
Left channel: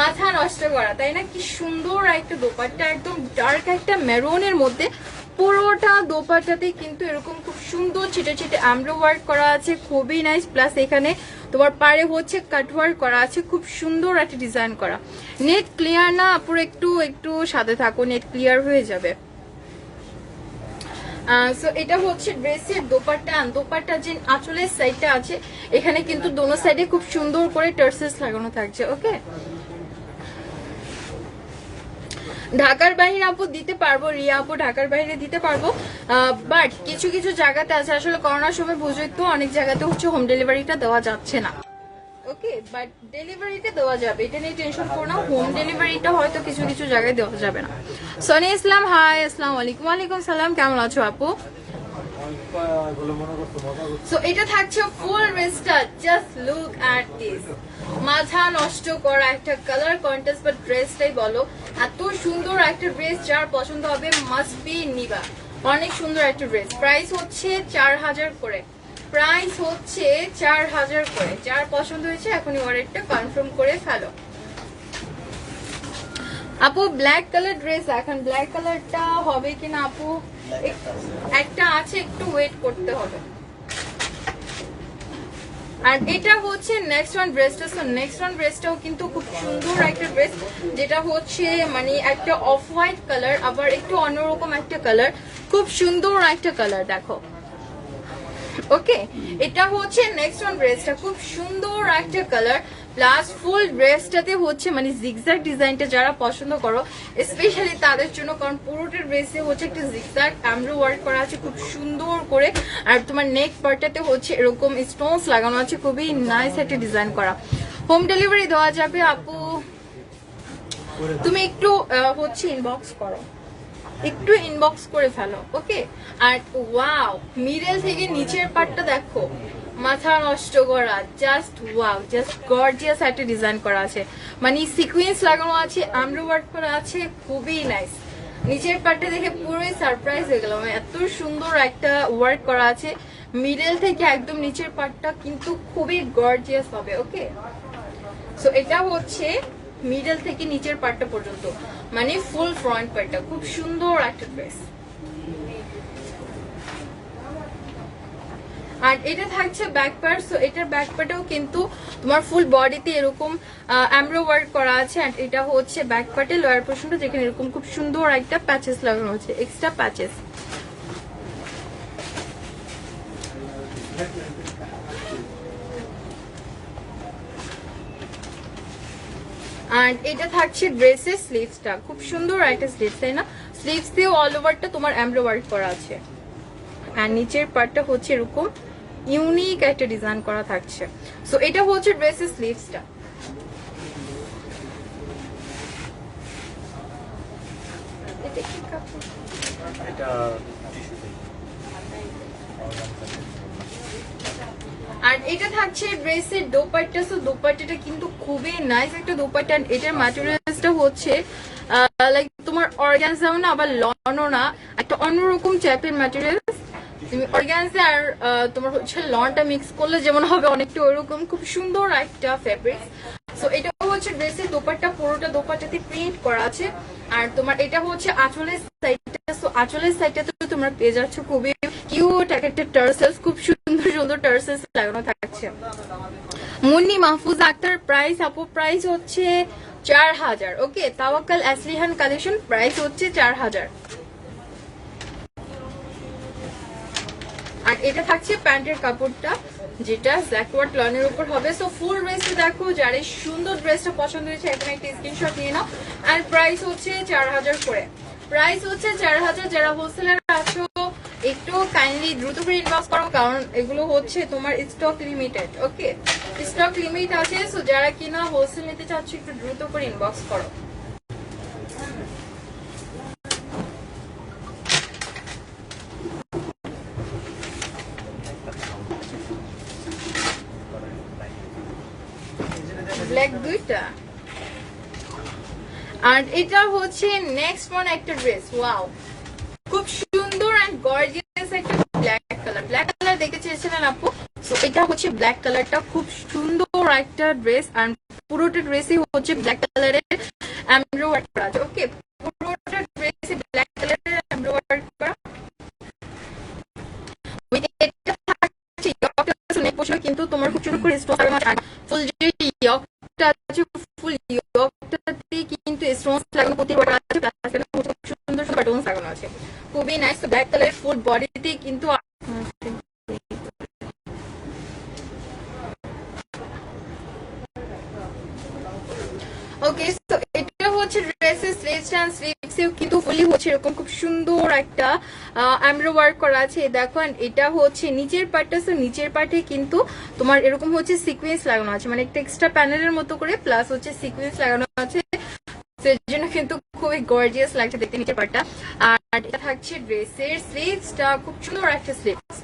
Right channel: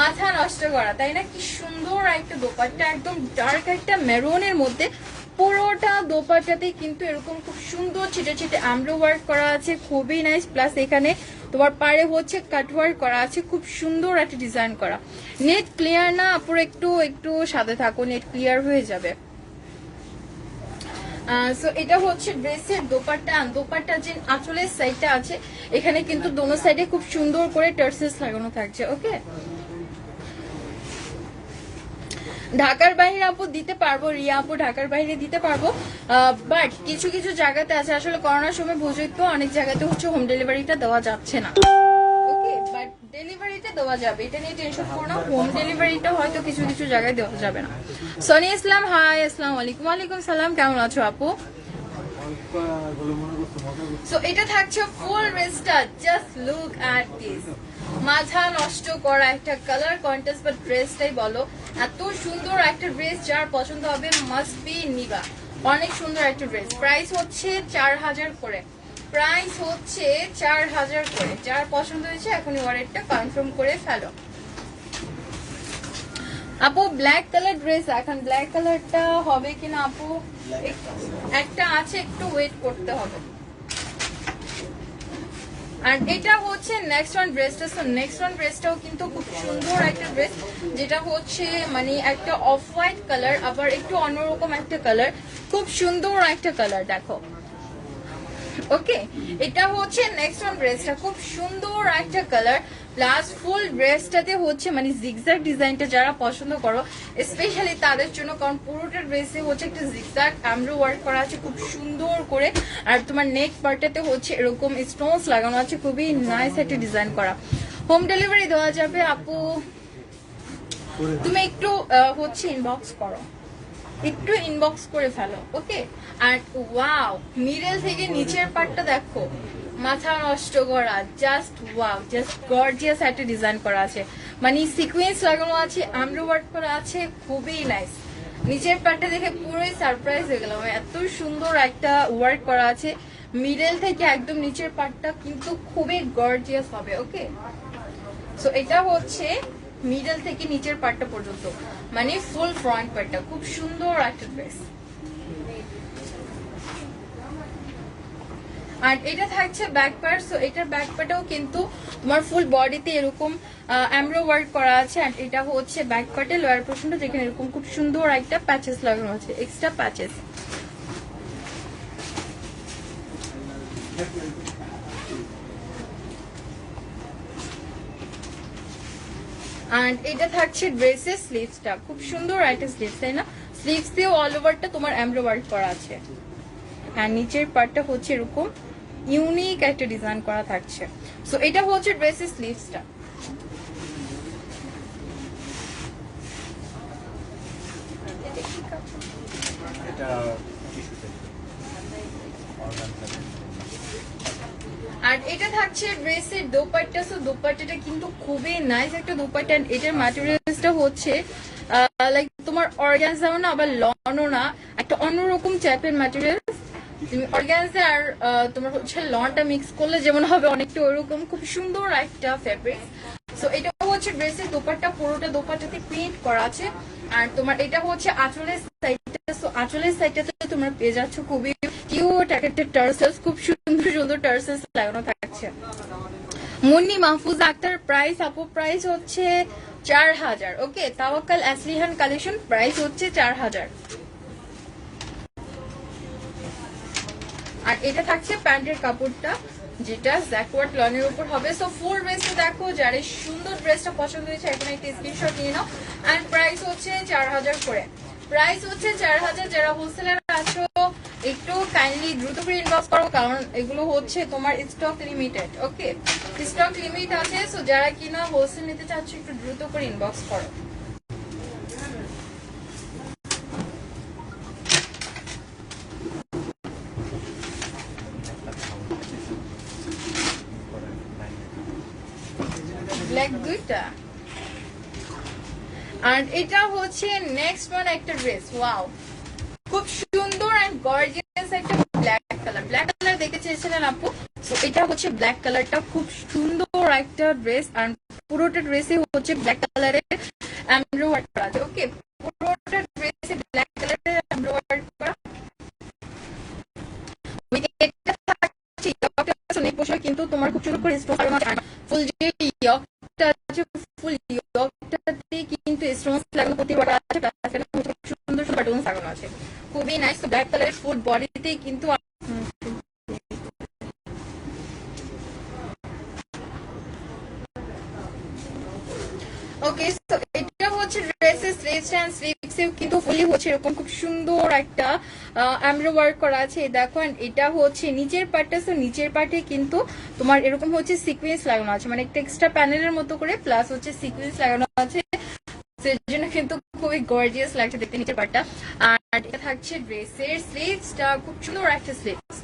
মাথা নষ্ট করা, তাই না? কি সুন্দর একটা দোপাট্টা, একদম ডার্ক একটা মেরুনের মধ্যে পুরোটা দোপাট্টাতে কিন্তু এরকম খুব সুন্দর ছিটে ছিটে এমব্রয়ডারি ওয়ার্ক করা আছে, খুবই নাইস। প্লাস এখানে তোমার পাড়ে হচ্ছে কাট ওয়ার্ক করা আছে, খুব সুন্দর একটা ডিজাইন করা। নেট ক্লিয়ার না আপুর, একটু একটু সাথে থাকো, নেট ক্লিয়ার হয়ে যাবে। সো এটা হচ্ছে ড্রেসের দোপাট্টা। দোপাট্টা যে আঁচলের সাইডটা আছে, এখানে কিন্তু দোনো সাইডে খুব সুন্দর করে টার্সেস লাগানো থাকছে। ওকে, ঢাকার বাইরে আপু দিতে পারবো, রিয়া আপু ঢাকার বাইরে দিতে পারবো, বাট কিছু কিছু জায়গাতে আছে, আসলে করোনার সময় বুঝই তো, অনেক জায়গাতে হচ্ছে হোম ডেলিভারিটা দেওয়া যাচ্ছে না। ওকে, বাট ডেলিভারিটা দেওয়া যাবে, এটা নিয়ে টেনশন করো না। হোম ডেলিভারিটা হয়তো কিছু কিছু জায়গায় দেওয়া যাবে না। সনি ইসলাম, হাই, আসসালামু আলাইকুম। ওয়ালাইকুম সালাম, কেমন আছো আপু? সো এটা থাকছে ফুল ড্রেসটা, জাস্ট লুক অ্যাট দিস, মাথা নষ্ট করা একটা কালার কন্টেস্ট বা ড্রেসটাই বলো, এত সুন্দর একটা ড্রেস, যার পছন্দ হবে মাস্ট বি নিবা। অনেক সুন্দর একটা ড্রেস। প্রাইস হচ্ছে 4000 করে, প্রাইস হচ্ছে 4000 করে। যার পছন্দ হয়েছে এখনই অর্ডারটা কনফার্ম করে ফেলো। আপু ব্ল্যাক কালার ড্রেস, এখন ব্ল্যাক কালারটা হবে কিনা আপু, একটা আছে, একটু ওয়েট করতে হবে। আর এটা হচ্ছে নেক্সট ওয়ান ড্রেসটা। সো নেক্সট ওয়ান ড্রেসটাও কিন্তু খুব সুন্দর একটা ড্রেস, যেটা হচ্ছে মানে একটা অফ হোয়াইট কালার, আবার একটু অন্যরকম একটা কালার, খুব সুন্দর একটা কালার। দেখো, ওকে, এটা হচ্ছে নেক্সট ওয়ান ড্রেসটা, খুব সুন্দর একটা কালার। প্লাস ফুল ড্রেসটাতে হচ্ছে মানে জিগজ্যাগ ডিজাইনটা যারা পছন্দ করো স্পেশালি তাদের জন্য, কারণ পুরোটা ড্রেসে হচ্ছে একটা জিগজ্যাগ এমব্রয়ডারি ওয়ার্ক করা আছে খুব সুন্দর করে। আর তোমার নেক পার্টটাতে হচ্ছে এরকম স্টোনস লাগানো আছে, খুবই নাইস একটা ডিজাইন করা। হোম ডেলিভারি দেওয়া যাবে আপু, তুমি একটু হচ্ছে ইনবক্স করো, একটু ইনবক্স করে ফেলো। ওকে, আর ওয়াও, মিডল থেকে নিচের পার্টটা দেখো, মাথা নষ্ট করা, জাস্ট ওয়াও, জাস্ট গর্জিয়াস একটা ডিজাইন করা আছে, মানে সিকোয়েন্স লাগানো আছে, এমব্রয়ডারি ওয়ার্ক করা আছে, খুবই নাইস। নিচের পার্টটা দেখে পুরোই সারপ্রাইজ হয়ে গেলাম, এত সুন্দর একটা ওয়ার্ক করা আছে। মিডল থেকে একদম নিচের পার্টটা কিন্তু খুবই গর্জিয়াস হবে। ওকে, সো এটা হচ্ছে মিডল থেকে নিচের পার্টটা পর্যন্ত, মানে ফুল ফ্রন্ট পার্টটা, খুব সুন্দর একটা ড্রেস। আর এটা থাকছে ব্যাক পার্ট। সো এটার ব্যাক পার্টেও কিন্তু তোমার ফুল বডিতে এরকম এমব্রয়ডারি ওয়ার্ক করা আছে। আর এটা হচ্ছে ব্যাক পার্টে লোয়ার পোর্শনটা, যেখানে এরকম খুব সুন্দর একটা প্যাচেস লাগানো আছে, এক্সট্রা প্যাচেস। আর এটা থাকছে ড্রেসের স্লিভসটা, খুব সুন্দর একটা স্লিভস, তাই না? স্লিভস দিয়ে অল ওভারটা তোমার এমব্রয়ডারি ওয়ার্ক করা আছে। আর নিচের পার্টটা হচ্ছে এরকম ইউনিক একটা ডিজাইন করা থাকছে। সো এটা হচ্ছে ড্রেসের স্লিভসটা। আর এটা থাকছে ড্রেসের দোপাট্টা। সো দোপাট্টাটা কিন্তু খুবই নাইস একটা দোপাট্টা। এটার ম্যাটেরিয়ালসটা হচ্ছে লাইক তোমার অর্গানজাও না আবার লনও না, একটা অন্যরকম টাইপের ম্যাটেরিয়ালস। তুমি অর্গানজা আর তোমার হচ্ছে লনটা মিক্স করলে যেমন হবে অনেকটা ওরকম, খুব সুন্দর একটা ফেব্রিক। সো এটা হচ্ছে ড্রেসের দোপাট্টা, পুরোটা দোপাট্টাতে প্রিন্ট করা আছে। আর তোমার এটা হচ্ছে আঁচলের সাইডটা। সো আঁচলের সাইডটাতে তোমরা পেয়ে যাচ্ছ খুবই কিউট একটা টার্সেলস, খুব সুন্দর সুন্দর টার্সেলস লাগানো থাকছে। মুন্নি মাহফুজা আক্তার প্রাইস, আপু প্রাইস হচ্ছে 4000। ওকে, তাওয়াক্কাল আসলিহান কালেকশন প্রাইস হচ্ছে 4000। আর এটা থাকছে প্যান্টের কাপড়টা, যেটা জ্যাকওয়ার্ড লনের উপর হবে। সো ফুল ড্রেসটা দেখো, যার এই সুন্দর ড্রেসটা পছন্দ হয়েছে এখন একটা স্ক্রিনশট নিয়ে নাও। আর প্রাইস হচ্ছে 4000 করে, প্রাইস হচ্ছে 4000। যারা হোলসেলার আছো একটু কাইন্ডলি দ্রুত করে ইনবক্স করো, কারণ এগুলো হচ্ছে তোমার স্টক লিমিটেড। ওকে, স্টক লিমিট আছে। সো যারা কিনা হোলসেল নিতে চাচ্ছ একটু দ্রুত করে ইনবক্স করো। ব্ল্যাক দুইটা। আর এটা হচ্ছে নেক্সট ওয়ান একটা ড্রেস, ওয়াও খুব সুন্দর এন্ড গর্জিয়াস একটা ব্ল্যাক কালার। ব্ল্যাক কালার দেখতে চেয়েছিলেন আপু, সো এটা হচ্ছে ব্ল্যাক কালারটা, খুব সুন্দর একটা ড্রেস। আর পুরোটা ড্রেসে হচ্ছে ব্ল্যাক কালারের এমব্রয়ডারি করা আছে। ওকে, পুরোটা ড্রেসে ব্ল্যাক কালারের এমব্রয়ডারি করা। এটা থাকছে ইয়কটা, নেক পোশাক কিন্তু তোমার খুব সুন্দর করে স্টোন লাগানো। ফুল যে ইয়কটা আছে, ফুল ইয়কটাতে কিন্তু স্টোনস লাগানো প্রতি বড় আছে, প্লাস সুন্দর সুন্দর বাটনস লাগানো আছে, খুবই নাইস। ব্ল্যাক কালার ফুল বডিতে কিন্তু ওকে। সো এটা হচ্ছে ড্রেসের স্লিভস এন্ড স্লিভসে কিন্তু ফুলি হচ্ছে এরকম খুব সুন্দর একটা এমব্রয়ডারি ওয়ার্ক করা আছে। দেখো, এটা হচ্ছে নিচের পার্টটা। সো নিচের পার্টে কিন্তু তোমার এরকম হচ্ছে সিকোয়েন্স লাগানো আছে, মানে একটা এক্সট্রা প্যানেলের মতো করে, প্লাস হচ্ছে সিকোয়েন্স লাগানো আছে। এর জন্য কিন্তু খুবই গর্জিয়াস লাগছে দেখতে নিচের পার্টটা। আর এটা থাকছে ড্রেসের স্লিভসটা, খুব সুন্দর একটা স্লিভস।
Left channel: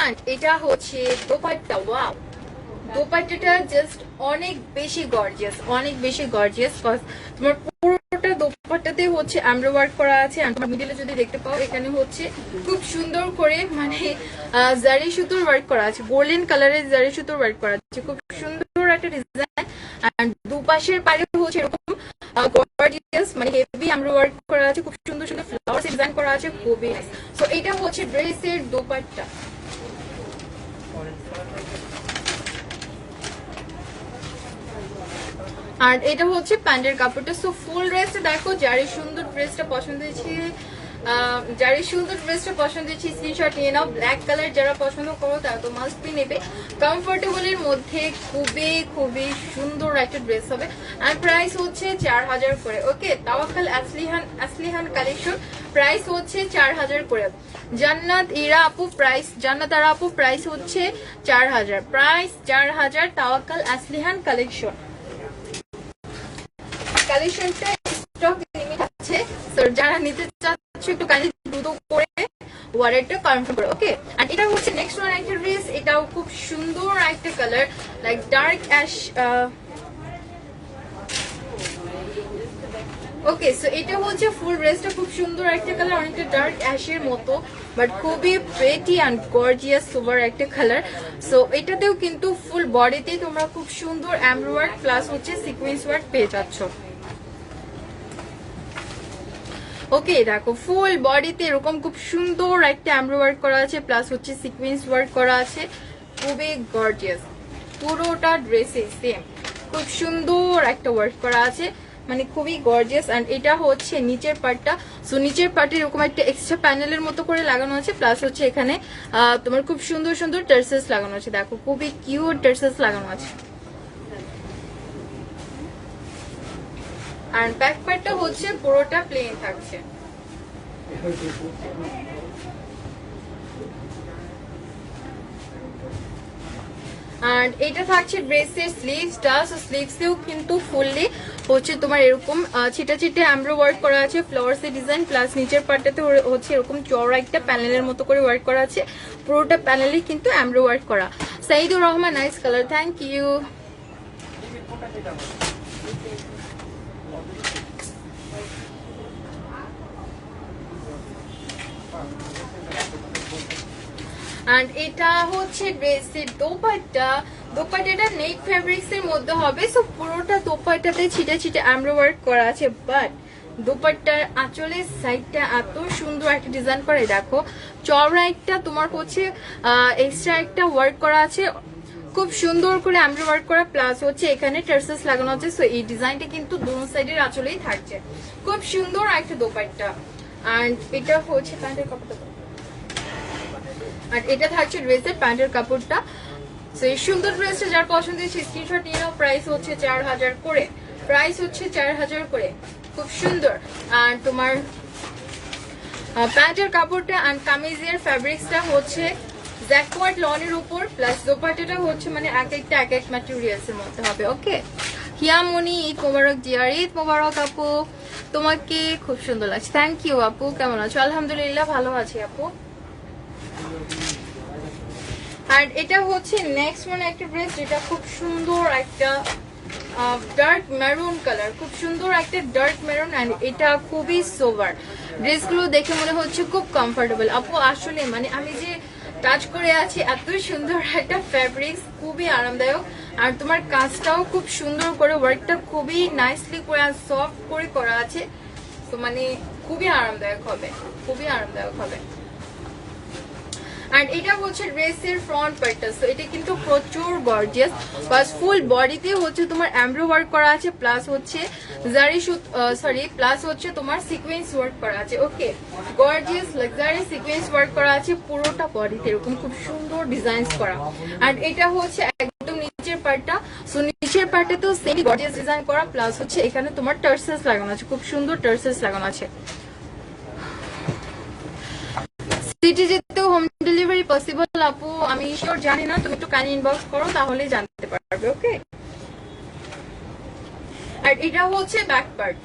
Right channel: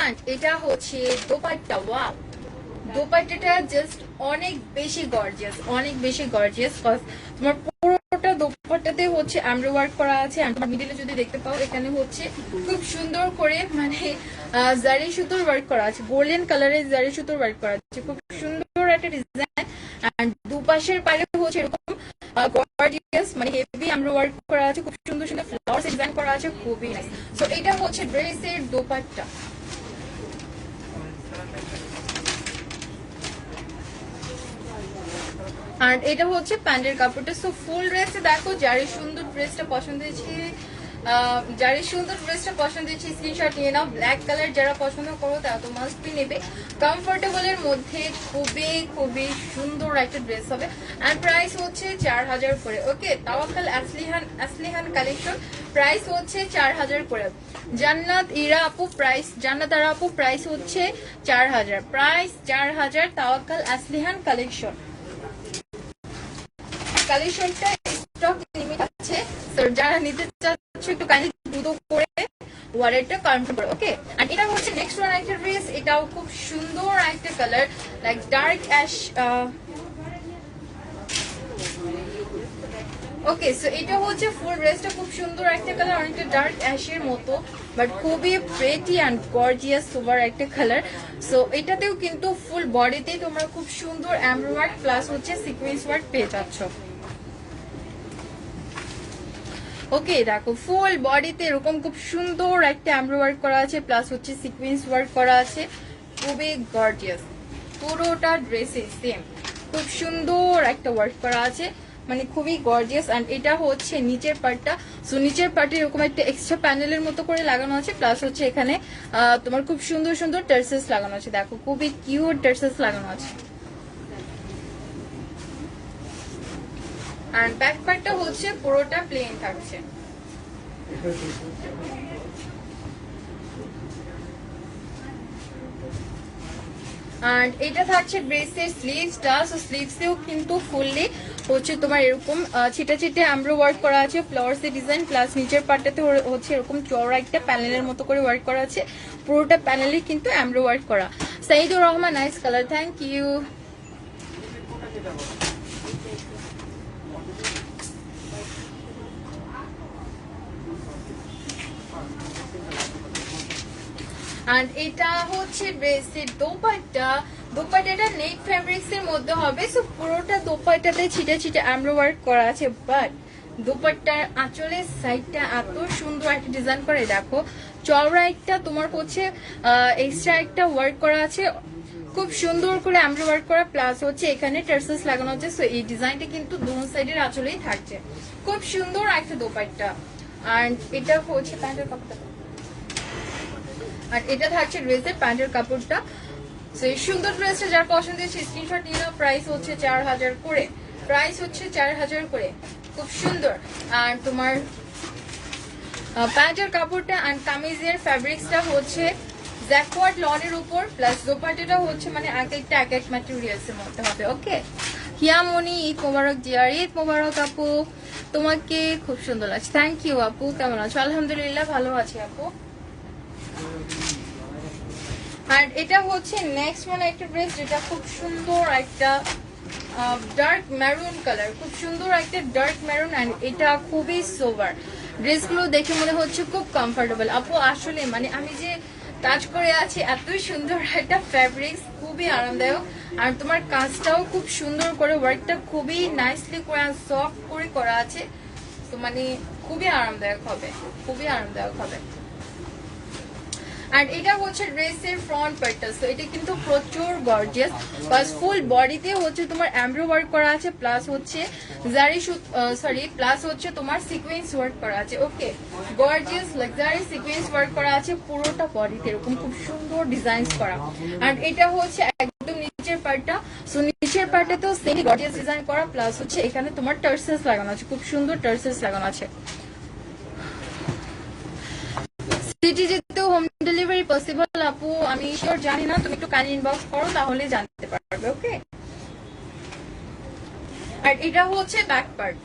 আর এটা হচ্ছে দোপাট্টা, ওয়াও দোপাট্টাটা জাস্ট অনেক বেশি গর্জিয়াস, অনেক বেশি গর্জিয়াস। তোমার পুরোটা দোপাট্টাতে হচ্ছে এমব্রয়ডারি ওয়ার্ক করা আছে। আর তোমার মিডলে যদি দেখতে পাও এখানে হচ্ছে খুব সুন্দর করে মানে জারি সুতোর ওয়ার্ক করা আছে, গোল্ডেন কালারের জারি সুতোর ওয়ার্ক করা আছে, খুব সুন্দর একটা ডিজাইন। আর দুপাশের পারে হচ্ছে এরকম গর্জিয়াস মানে হেভি এমব্রয়ডারি ওয়ার্ক করা আছে, খুব সুন্দর সুন্দর ফ্লাওয়ার্স ডিজাইন করা আছে, খুবই নাইস। সো এটা হচ্ছে ড্রেসের দোপাট্টা। আর এটা হচ্ছে প্যান্টের কাপড়টা। সো ফুল ড্রেসটা দেখো, যার সুন্দর ড্রেসটা পছন্দ হয়েছে, স্ক্রিনশট নিয়ে নাও। ব্ল্যাক কালার যারা পছন্দ করো তারা তো মাস্ট বি নেবে। কমফোর্টেবল এর মধ্যে খুবই খুবই সুন্দর একটা ড্রেস হবে। আর প্রাইস হচ্ছে 4000 করে। ওকে, তাওয়াক্কাল আসলিহান কালেকশন প্রাইস হচ্ছে 4000 করে। জান্নাত ইরা আপু প্রাইস, জান্নাত আরা আপু প্রাইস হচ্ছে 4000, প্রাইস 4000 তাওয়াক্কাল আসলিহান কালেকশন। কালেকশনটা স্টক লিমিট আছে, তো যারা নিতে চাচ্ছ একটু কাইন্ডলি দ্রুত করে ওয়ারেটটা কনফার্ম করো। ওকে, আর এটা হচ্ছে নেক্সট ওয়ান একটা ড্রেস, এটাও খুব সুন্দর একটা কালার, লাইক ডার্ক অ্যাশ। ওকে, সো এটা হচ্ছে ফুল ড্রেসটা, খুব সুন্দর একটা কালার, অনেকটা ডার্ক অ্যাশের মতো, বাট খুবই প্রেটি অ্যান্ড গর্জিয়াস সোভার একটা কালার। সো এটাতেও কিন্তু ফুল বডিতে তোমরা খুব সুন্দর এমব্রয়ডারি প্লাস হচ্ছে সিকোয়েন্স ওয়ার্ক পেয়ে যাচ্ছ। ওকে, দেখো ফুল বডিতে এরকম খুব সুন্দর একটা এমব্রয়ডারি করা আছে, প্লাস হচ্ছে সিকোয়েন্স ওয়ার্ক করা আছে, খুবই গর্জিয়াস। পুরোটা ড্রেসে সেম খুব সুন্দর একটা ওয়ার্ক করা আছে, মানে খুবই গর্জিয়াস। এন্ড এটা হচ্ছে নিচের পার্টটা। সো নিচের পার্টে এরকম একটা এক্সট্রা প্যানেলের মতো করে লাগানো আছে, প্লাস হচ্ছে এখানে তোমার খুব সুন্দর সুন্দর টার্সেলস লাগানো আছে। দেখো খুবই কিউট টার্সেলস লাগানো আছে। আর ব্যাক পার্টটা হচ্ছে পুরোটা প্লেন থাকছে। এন্ড এটা থাকছে ড্রেসের স্লিভসটা, সো স্লিভসেও কিন্তু ফুললি হচ্ছে তোমার এরকম ছিটা ছিটে এমব্রো ওয়ার্ক করা আছে, ফ্লাওয়ার্স এর ডিজাইন, প্লাস নিচের পার্টটাতে হচ্ছে এরকম চওড়া একটা প্যানেলের মতো করে ওয়ার্ক করা আছে, পুরোটা প্যানেলে কিন্তু এমব্রো ওয়ার্ক করা। Saidur Rahman, nice colour, thank you. আর এটা হচ্ছে ড্রেসের দোপাট্টা, দোপাট্টাটা নেট ফ্যাব্রিক্স এর মধ্যে হবে, সো পুরোটা দোপাট্টাতে ছিটে ছিটে এমব্রো ওয়ার্ক করা আছে, বাট দোপাট্টার আঁচলের সাইডটা এত সুন্দর একটা ডিজাইন করে, দেখো চওড়া একটা তোমার হচ্ছে এক্সট্রা একটা ওয়ার্ক করা আছে, খুব সুন্দর করে এমব্রো ওয়ার্ক করা, প্লাস হচ্ছে এখানে টার্সেলস লাগানো আছে, সো এই ডিজাইনটা কিন্তু দুই সাইডের আঁচলেই থাকছে, খুব সুন্দর একটা দোপাট্টা। আর এটা হচ্ছে প্যান্টের কাপড়টা, আর এটা থাকছে ড্রেসের প্যান্টের কাপড়টা। তো এই সুন্দর ড্রেসটা যার পছন্দ হচ্ছে স্ক্রিনশট নিয়ে নাও। প্রাইস হচ্ছে 4000 করে, প্রাইস হচ্ছে 4000 করে, খুব সুন্দর। আর তোমার প্যান্টের কাপড়টা আর কামিজের ফ্যাব্রিক্সটা হচ্ছে জ্যাকওয়ার্ড লনের উপর, প্লাস দোপাট্টাটা হচ্ছে মানে এক এক ম্যাটেরিয়ালস এর মধ্যে হবে। ওকে, হিয়ামনি, ঈদ মোবারক ডিয়ার, ঈদ মোবারক আপু, তোমাকে খুব সুন্দর লাগছে, থ্যাংক ইউ আপু। কেমন আছো? আলহামদুলিল্লাহ ভালো আছি আপু। আর এটা হচ্ছে নেক্সট ওয়ান একটা ড্রেস, যেটা খুব সুন্দর একটা ডার্ক মেরুন কালার, খুব সুন্দর একটা ডার্ক মেরুন, এন্ড এটা খুবই সোভার। ড্রেসগুলো দেখে মনে হচ্ছে খুব কমফোর্টেবল আপু, আসলে মানে আমি যে টাচ করে আছি, এতই সুন্দর একটা ফ্যাব্রিক্স, খুবই আরামদায়ক। আর তোমার কাজটাও খুব সুন্দর করে, ওয়ার্কটা খুবই নাইসলি করে সফট করে করা আছে, তো মানে খুবই আরামদায়ক হবে, খুবই আরামদায়ক হবে। আর এটা হচ্ছে ড্রেসের ফ্রন্ট পার্টটা, সো এটা কিন্তু প্রচুর গর্জিয়াস, প্লাস ফুল বডিতে হচ্ছে তোমার এমব্রো ওয়ার্ক করা আছে, প্লাস হচ্ছে জারি প্লাস হচ্ছে তোমার সিকোয়েন্স ওয়ার্ক করা আছে। ওকে, গর্জিয়াস লাক্সারি সিকোয়েন্স ওয়ার্ক করা আছে পুরোটা বডিতে, এরকম খুব সুন্দর ডিজাইন করা। আর এটা হচ্ছে একদম নিচের পার্টটা, সো নিচের পার্টটাতেও সেম গর্জিয়াস ডিজাইন করা, প্লাস হচ্ছে এখানে তোমার টার্সেলস লাগানো আছে, খুব সুন্দর টার্সেলস লাগানো আছে। সিটি যেতেও হোম ডেলিভারি পসিবল আপু? আমি শিওর জানি না, তুমি একটু কাইন্ডলি ইনবক্স করো, তাহলে জানতে পারবে। ওকে, আর এটা হচ্ছে ব্যাক পার্ট।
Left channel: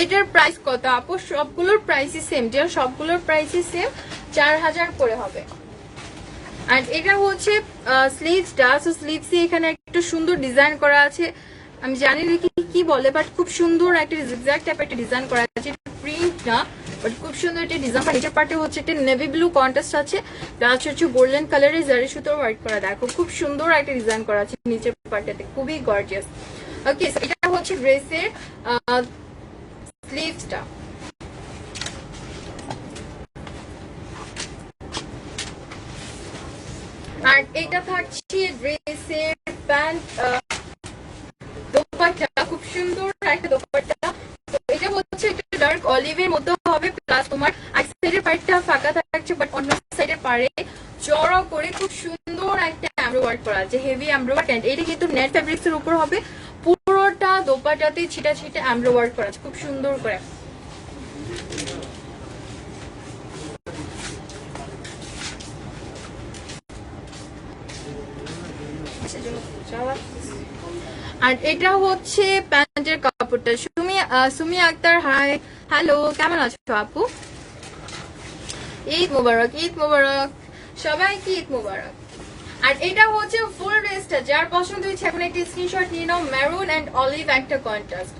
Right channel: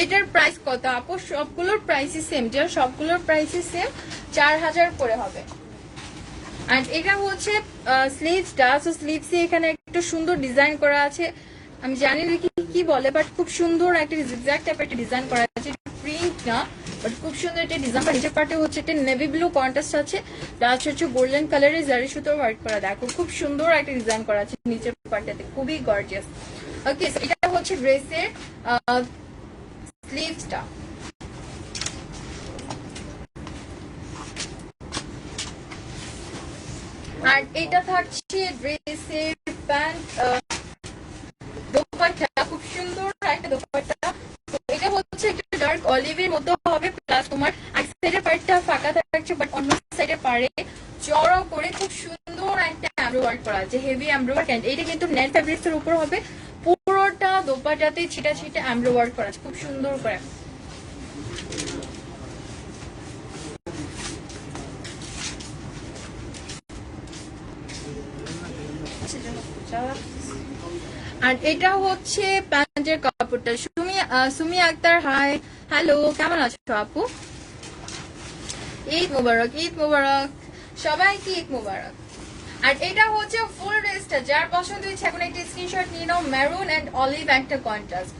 এটার প্রাইস কত আপু? সবগুলোর প্রাইসই সেম, যে সবগুলোর প্রাইসই সেম, 4000 করে হবে। আর এটা হচ্ছে স্লিভসটা, সো স্লিভসে এখানে একটা সুন্দর ডিজাইন করা আছে, আমি জানি না কি বলে, বাট খুব সুন্দর একটা জিগজ্যাগ টাইপ একটা ডিজাইন করা আছে, প্রিন্ট না বাট খুব সুন্দর একটা ডিজাইন। নিচের পার্টে হচ্ছে একটা নেভি ব্লু কন্ট্রাস্ট আছে, প্লাস হচ্ছে গোল্ডেন কালারের জারি সুতোর ওয়ার্ক করা, দেখো খুব সুন্দর একটা ডিজাইন করা আছে নিচের পার্টটাতে, খুবই গর্জিয়াস। ওকে, এটা হচ্ছে ড্রেসের স্লিভসটা। আর এটা থাকছে ড্রেসের প্যান্ট দোপাট্টা, খুব সুন্দর একটা দোপাট্টা। এটা হচ্ছে একটু ডার্ক অলিভের মধ্যে হবে, প্লাস তোমার এক সাইডের পার্টটা ফাঁকা থাকছে, বাট অন্য সাইডের পারে চওড়া করে খুব সুন্দর একটা এমব্রো ওয়ার্ক করা আছে, হেভি এমব্রো ওয়ার্ক। এটা কিন্তু নেট ফ্যাব্রিক্স এর উপর হবে, পুরোটা দোপাট্টাতে ছিটা ছিটা এমব্রো ওয়ার্ক করা আছে, খুব সুন্দর করে। আর এটা হচ্ছে প্যান্টের কাপড়টা। সুমি আক্তার, হাই, হ্যালো, কেমন আছো আপু? ঈদ মোবারক, ঈদ মোবারক সবাইকে, ঈদ মোবারক। আর এটা হচ্ছে ফুল ড্রেসটা, যার পছন্দ হয়েছে এখন একটি স্ক্রিনশট নিয়ে নাও। মেরুন এন্ড অলিভ একটা কন্ট্রাস্ট,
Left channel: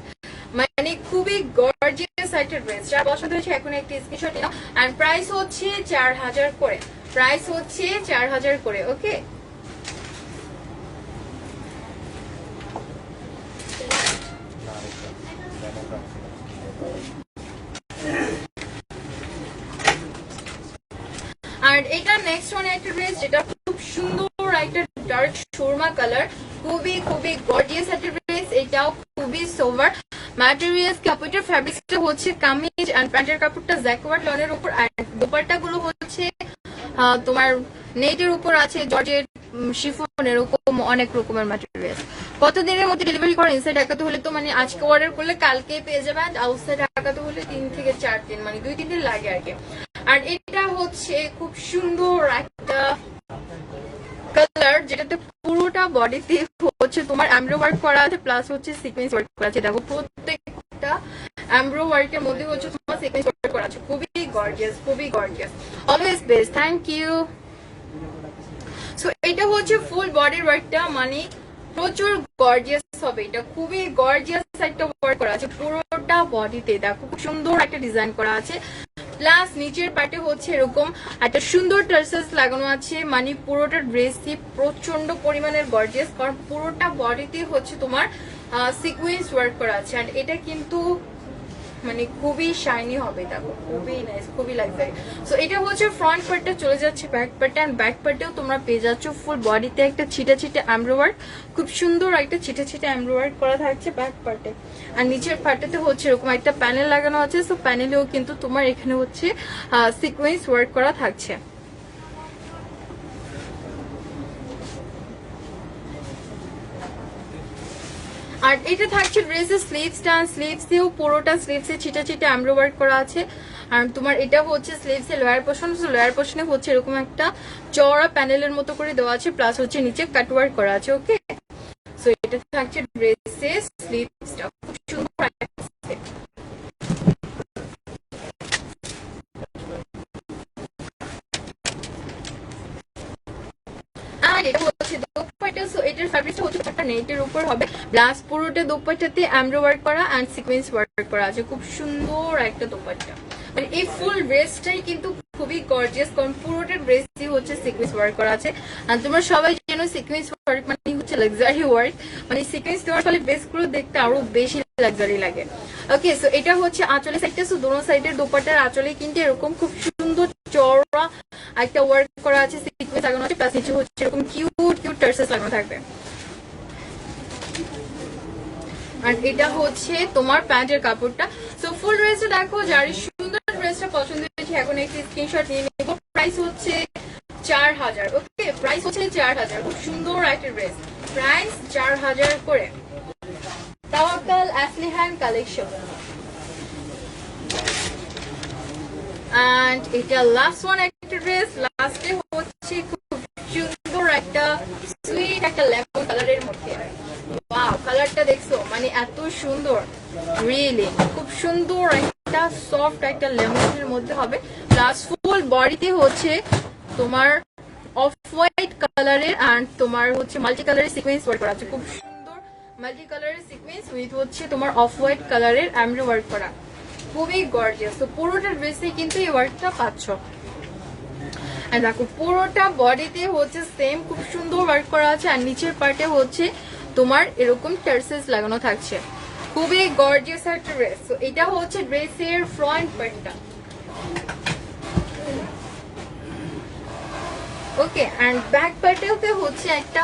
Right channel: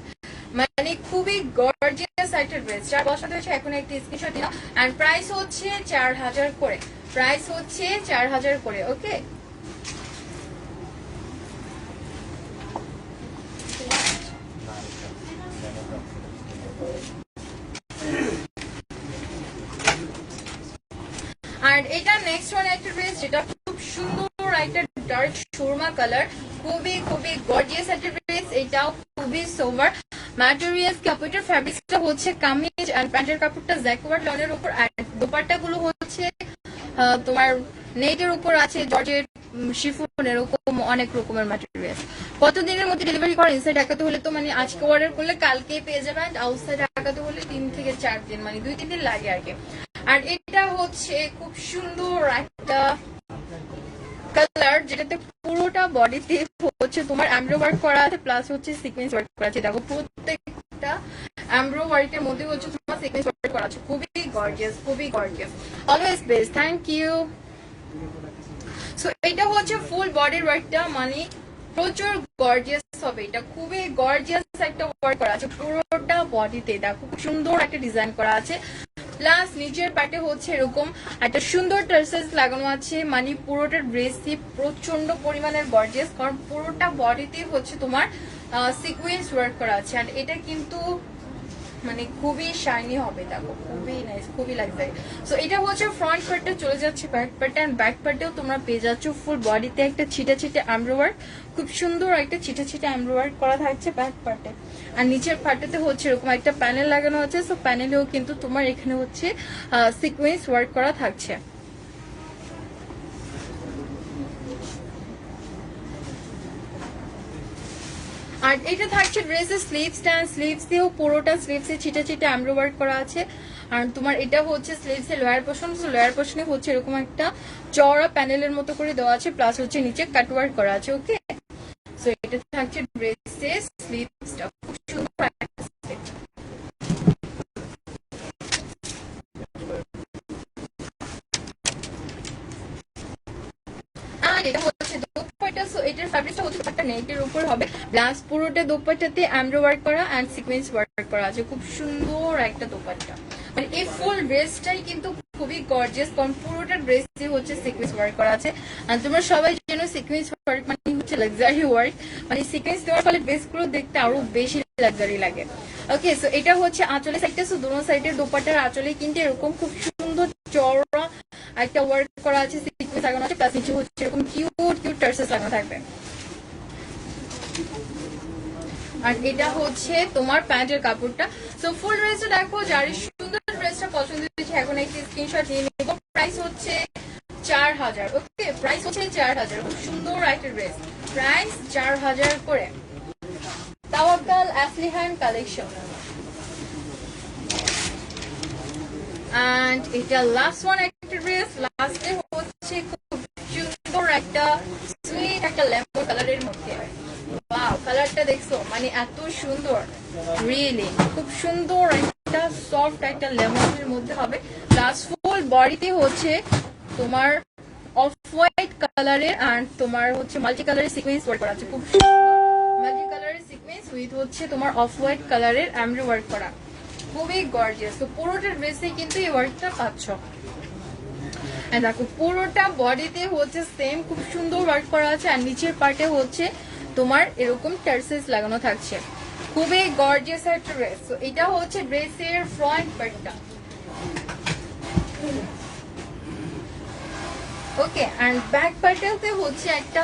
মানে খুবই গর্জিয়াস একটা ড্রেস, যার পছন্দ হয়েছে এখন একটি স্ক্রিনশট নিয়ে নাও। আর প্রাইস হচ্ছে 4000 করে, প্রাইস হচ্ছে 4000 করে। ওকে, আর এটা নেক্সট ওয়ান একটা ড্রেস, যেটা খুব সুন্দর একটা ডার্ক শোরমা কালার, খুবই খুবই গর্জিয়াস একটা ড্রেস, এটাও খুবই সোভার ম্যাটেরিয়ালস। কাপড়ের ফ্যাব্রিক্সটা হচ্ছে কামিজ, আর প্যান্টের কাপড়টা জ্যাকওয়ার্ড লনের উপর, আর দোপাট্টা গুলো হচ্ছে তোমার নেটের উপর আছে, জর্জেট, শিফন, এরকম অনেক রকমের ম্যাটেরিয়াল। কতদিনের মধ্যে ডেলিভারি করা? ইনসাইড ঢাকাতে হলে তো মানে আজকে অর্ডার করলে কালকে পেয়ে যাবে, আর আউটসাইড ঢাকাতে হলে 3 থেকে 4 দিন, মানে 2-3 দিন লাগে আর কি। আর এটা হচ্ছে খুব সুন্দর একটা কালার, যেটাতে পুরোটা বডিতে হচ্ছে তোমার এমব্রো ওয়ার্ক করা আছে, প্লাস হচ্ছে সিকোয়েন্স ওয়ার্ক করা আছে। দেখো প্রত্যেকটা এমব্রো ওয়ার্কের মধ্যে হচ্ছে তোমার সিকোয়েন্স ওয়ার্ক করা আছে। খুবই গর্জিয়াস, খুবই gorgeous. Always best, thank you. So এটা হচ্ছে ফুল বডির ওয়ার্কটা, মানে প্রচুর গর্জিয়াস হবে। এটা খুবই গর্জিয়াস একটা ওয়ার্ক করা আছে পুরোটা বডিতে। দেখো খুব সুন্দর একটা ডিজাইন করা আছে, প্লাস নিচের পার্টে হচ্ছে এরকম একটা সুন্দর টার্সেলস লাগানো আছে। মানে পুরোটা ড্রেসই প্রচন্ড পরিমাণের গর্জিয়াস, কারণ পুরোটা বডিতে হচ্ছে তোমার সিকোয়েন্স ওয়ার্ক করা আছে। আর এটা কিন্তু মানে খুবই শাইনি হবে। দেখো খুবই নাইস, খুবই লাক্সারি। সো এটা হচ্ছে ফ্রন্ট পার্টটা, চলে যাচ্ছে ব্যাক পার্টে। এন্ড ব্যাক পার্টেও তোমরা পেয়ে যাচ্ছ ফুল বডিতে একটা ছিটা ছিটা এমব্রো ওয়ার্ক, খুব সুন্দর একটা ছিটা ছিটা এমব্রো ওয়ার্ক করা থাকছে ব্যাক পার্টে। আর নিচের পার্টেতে হচ্ছে এরকম একটা প্যানেল লাগানো আছে। সো প্যানেলেও কিন্তু তোমার এখানে হচ্ছে সিকোয়েন্স ওয়ার্ক করা থাকছে। আর এটা থাকছে ড্রেসের স্লিভসটা, স্লিভসেও পুরোটা স্লিভসে ছিটা ছিটা এমব্রো ওয়ার্ক করা আছে। আর তোমার এটা হচ্ছে স্লিভসের লোয়ার পোর্শন, লোয়ার পোর্শনে হচ্ছে এরকম একটা চওড়া প্যানেলের মতো করে দেওয়া আছে, প্লাস হচ্ছে নিচে কাট ওয়ার্ক করা আছে। ওকে, সো এটা থাকছে ড্রেসের স্লিভসটা, খুব সুন্দর। আর এটা হচ্ছে দোপাট্টা। সো এটার ফ্যাব্রিকটা হচ্ছে একটা নেটের উপর হবে, প্লাস পুরোটা দোপাট্টাতে এমব্রো ওয়ার্ক করা এন্ড সিকোয়েন্স ওয়ার্ক করা আছে। খুব সুন্দর একটা দোপাট্টা, মানে এই ফুল ড্রেসটাই কিন্তু খুবই গর্জিয়াস, কারণ পুরোটা ড্রেসই হচ্ছে সিকোয়েন্স ওয়ার্ক করা আছে। আর তোমরা সবাই জানো সিকোয়েন্স ওয়ার্ক মানে হচ্ছে লাক্সারি ওয়ার্ক, মানে সিকোয়েন্স দেওয়ার ফলে ড্রেসগুলো দেখতে আরো বেশি লাক্সারি লাগে। ওকে, সো এটা হচ্ছে আঁচলের সাইডটা। সো দোনো সাইডের দোপাট্টার আঁচলে কিন্তু এরকম খুব সুন্দর চওড়া একটা ওয়ার্ক করা আছে, সিকোয়েন্স লাগানো আছে, প্লাস নিচে হচ্ছে এরকম কিউট কিউট টার্সেলস লাগানো থাকবে। আর এটা হচ্ছে তোমার প্যান্টের কাপড়টা। সো ফুল ড্রেসটা দেখো, যার সুন্দর ড্রেসটা পছন্দ হয়েছে এখন একটি স্ক্রিনশট নিয়ে নেব। প্রাইস হচ্ছে 4000। ওকে, প্রাইস হচ্ছে 4000। খুব সুন্দর একটা ড্রেস, প্রাইস 4000 করে। তাওয়াক্কাল আসলিহান কালেকশন। এন্ড এটা লাস্ট ওয়ান একটা ড্রেস, লাস্টে হচ্ছে খুব সুন্দর একটা সুইট একটা লেমন কালারের মধ্যে। ওয়াও, কালারটা দেখছো, মানে এত সুন্দর, রিয়েলি খুব সুন্দর একটা সফট একটা লেমনের মধ্যে হবে। প্লাস ফুল বডিতে হচ্ছে তোমার অফ হোয়াইট কালারের এন্ড তোমার হচ্ছে মাল্টি কালারের সিকোয়েন্স ওয়ার্ক করা আছে। খুব সুন্দর মাল্টি কালারের সিকোয়েন্স উইথ হচ্ছে তোমার অফ হোয়াইট কালারের এমব্রো ওয়ার্ক করা, খুবই গর্জিয়াস। তো পুরোটা ড্রেসে কিন্তু এই ওয়ার্কটা পাচ্ছ। দেখো পুরোটা বডিতে হচ্ছে সেম খুব সুন্দর ওয়ার্ক করা আছে, আর নিচের পার্টে হচ্ছে তোমার এরকম টার্সেলস লাগানো থাকছে। খুবই গর্জিয়াস একটা ড্রেস। তো এটা হচ্ছে ড্রেসের ফ্রন্ট পার্টটা। ওকে, এন্ড ব্যাক পার্টেতে হচ্ছে একটা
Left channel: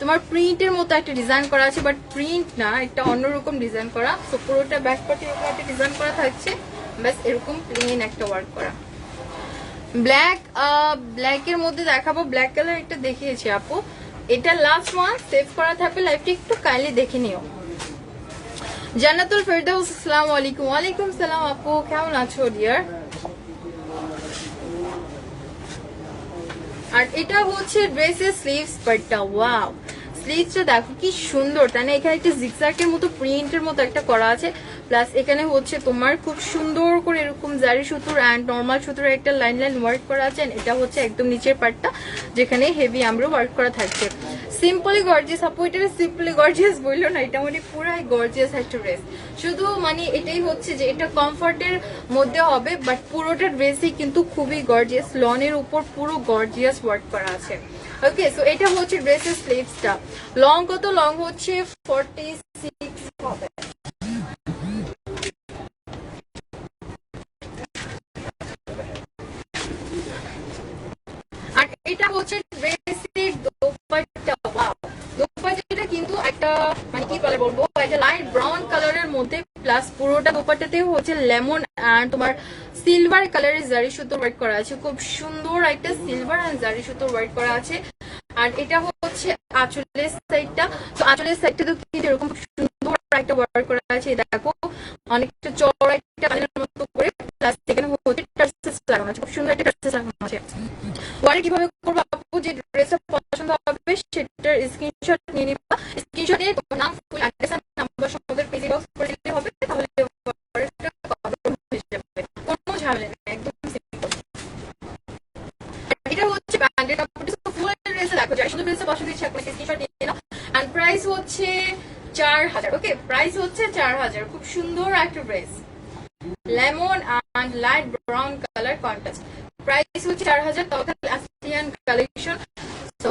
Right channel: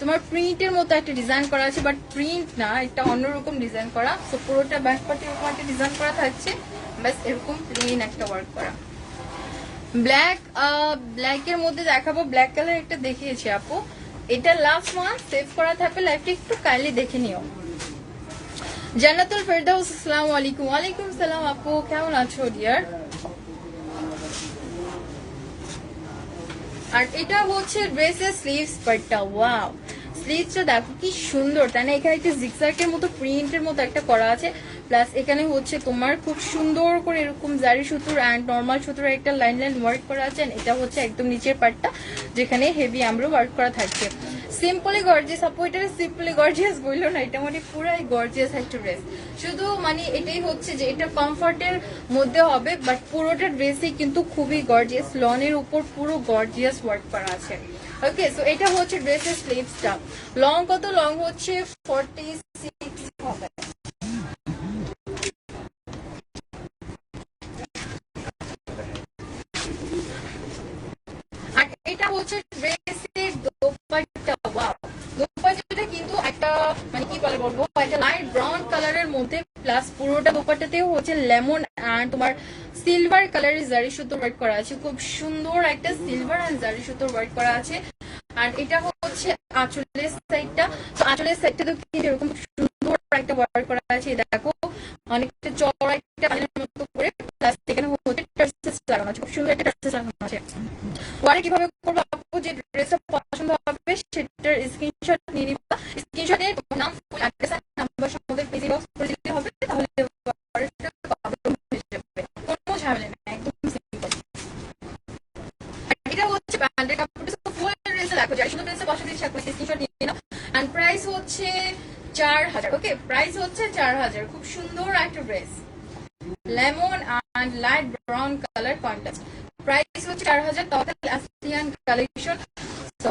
তোমার প্রিন্টের মতো একটা ডিজাইন করা আছে, বাট প্রিন্ট না, একটা অন্যরকম ডিজাইন করা। তো পুরোটা ব্যাক পার্টে এরকম একটা ডিজাইন করা থাকছে, বাস এরকম প্লেন একটা ওয়ার্ক করা। ব্ল্যাকের মধ্যে দেখাবো, ব্ল্যাক কালার একটা দেখিয়েছি আপু, এটা লাস্ট ওয়ান সেভ করা থাকবে, লাইভটা একটু কাইন্ডলি দেখে নিও। জান্নাতুল ফেরদাউস, আসসালামু আলাইকুম। ওয়ালাইকুম সালাম আপু, কেমন আছো ডিয়ার? আর এটা হচ্ছে ড্রেসের স্লিভস পার্টটা। ওয়াও, স্লিভসটা দেখো কি সুন্দর, তাই না? এখানে একটা জিগজ্যাগের মতো প্রিন্টের মতো একটা করা আছে, প্লাস এখানে হচ্ছে তোমার খুব সুন্দর করে এরকম জারি সুতোর এন্ড নর্মাল সুতোর একটা লাইন লাইন ওয়ার্ক করা আছে। এটা হচ্ছে একদম নিচের পার্টটা, যেখানে হেভি আমরা ওয়ার্ক করা থাকছে। সিম্পলি গর্জিয়াস আপু, এটা সিম্পলি গর্জিয়াস বললো না, এটা মানে পুরাই গর্জিয়াস একটা ড্রেস। শুধু মানে এটাই হচ্ছে যে এটা কমফর্টের মধ্যে হবে, বাট পুরোটা ড্রেসই কিন্তু খুবই গর্জিয়াস, লনের উপর পুরো গর্জিয়াস ওয়ার্ক করা আছে। ওকে, সো এটা হচ্ছে ড্রেসের স্লিভসটা। লং কত? লং হচ্ছে 46 হবে। আর এটা হচ্ছে ড্রেসের দোপাট্টা। ওয়াও, দোপাট্টাটা কিন্তু একটা মানে কি বলে বলবো, একটা লাইট ব্রাউন কালারের মধ্যে, প্লাস পুরোটা দোপাট্টাতে হচ্ছে লেমন এন্ড তোমার সিলভার কালারের জারি সুতোর ওয়ার্ক করা আছে। খুব সুন্দর একটা সিলভার এন্ড জারি সুতোর ওয়ার্ক করা আছে। আর এটা হচ্ছে আঁচলের সাইডটা। তো আঁচলের সাইডটা তো কিন্তু এরকম সুন্দর একটা ওয়ার্ক করা আছে, দেখো অনেকটা চড়া একটা পানির মতো করে, প্লাস এখানে হচ্ছে টার্সেলস লাগানো আছে, খুব সুন্দর একটা টার্সেলস লাগানো আছে। ওয়ারে কিভাবে করবো আপু, যে ড্রেসটা পছন্দ সেটার স্ক্রিনশট নিয়ে নিবা। স্ক্রিনশট নিয়ে তোমার নাম, ফুল অ্যাড্রেস আর নাম্বার সহ পেজে বক্স করে দিতে হবে, তাহলে অর্ডারটা কনফার্ম হয়ে যাবে। কোনো ঝামেলা নেই, একদম সিম্পল। এটা হচ্ছে ব্র্যান্ডেড কাপড়, ফুল ড্রেসে দেখো যারা সুন্দর ড্রেসে 500 টাকা স্ক্রিনশট নিয়ে নাও। এন্ড প্রাইস হচ্ছে 4000। ওকে, প্রাইস হচ্ছে 4000। খুব সুন্দর একটা dress, lemon and light brown colour contrast. Price হচ্ছে 4000, টোটাল আসিয়ান কালেকশন। তো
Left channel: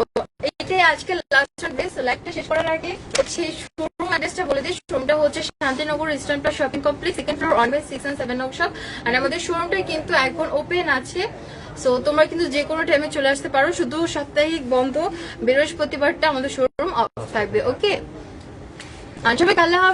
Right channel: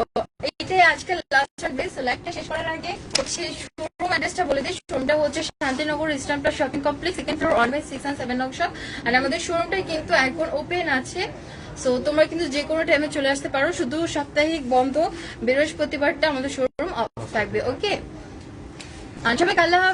এইটাই আজকে লাস্ট ড্রেস। লাইকটা শেষ করার আগে হচ্ছে শোরুম অ্যাড্রেসটা বলে দিই। শোরুমটা হচ্ছে Shantinagar eastern plus shopping complex, second floor, 1/6 and 7 নং শপ। আর আমাদের শোরুমটাই কিন্তু এখন ওপেন আছে। সো তোমরা কিন্তু যে কোনো টাইমে চলে আসতে পারো, শুধু সাপ্তাহিক বন্ধ বৃহস্পতিবারটা আমাদের শোরুম অফ থাকবে। ওকে, সবাই আল্লাহ হাফেজ।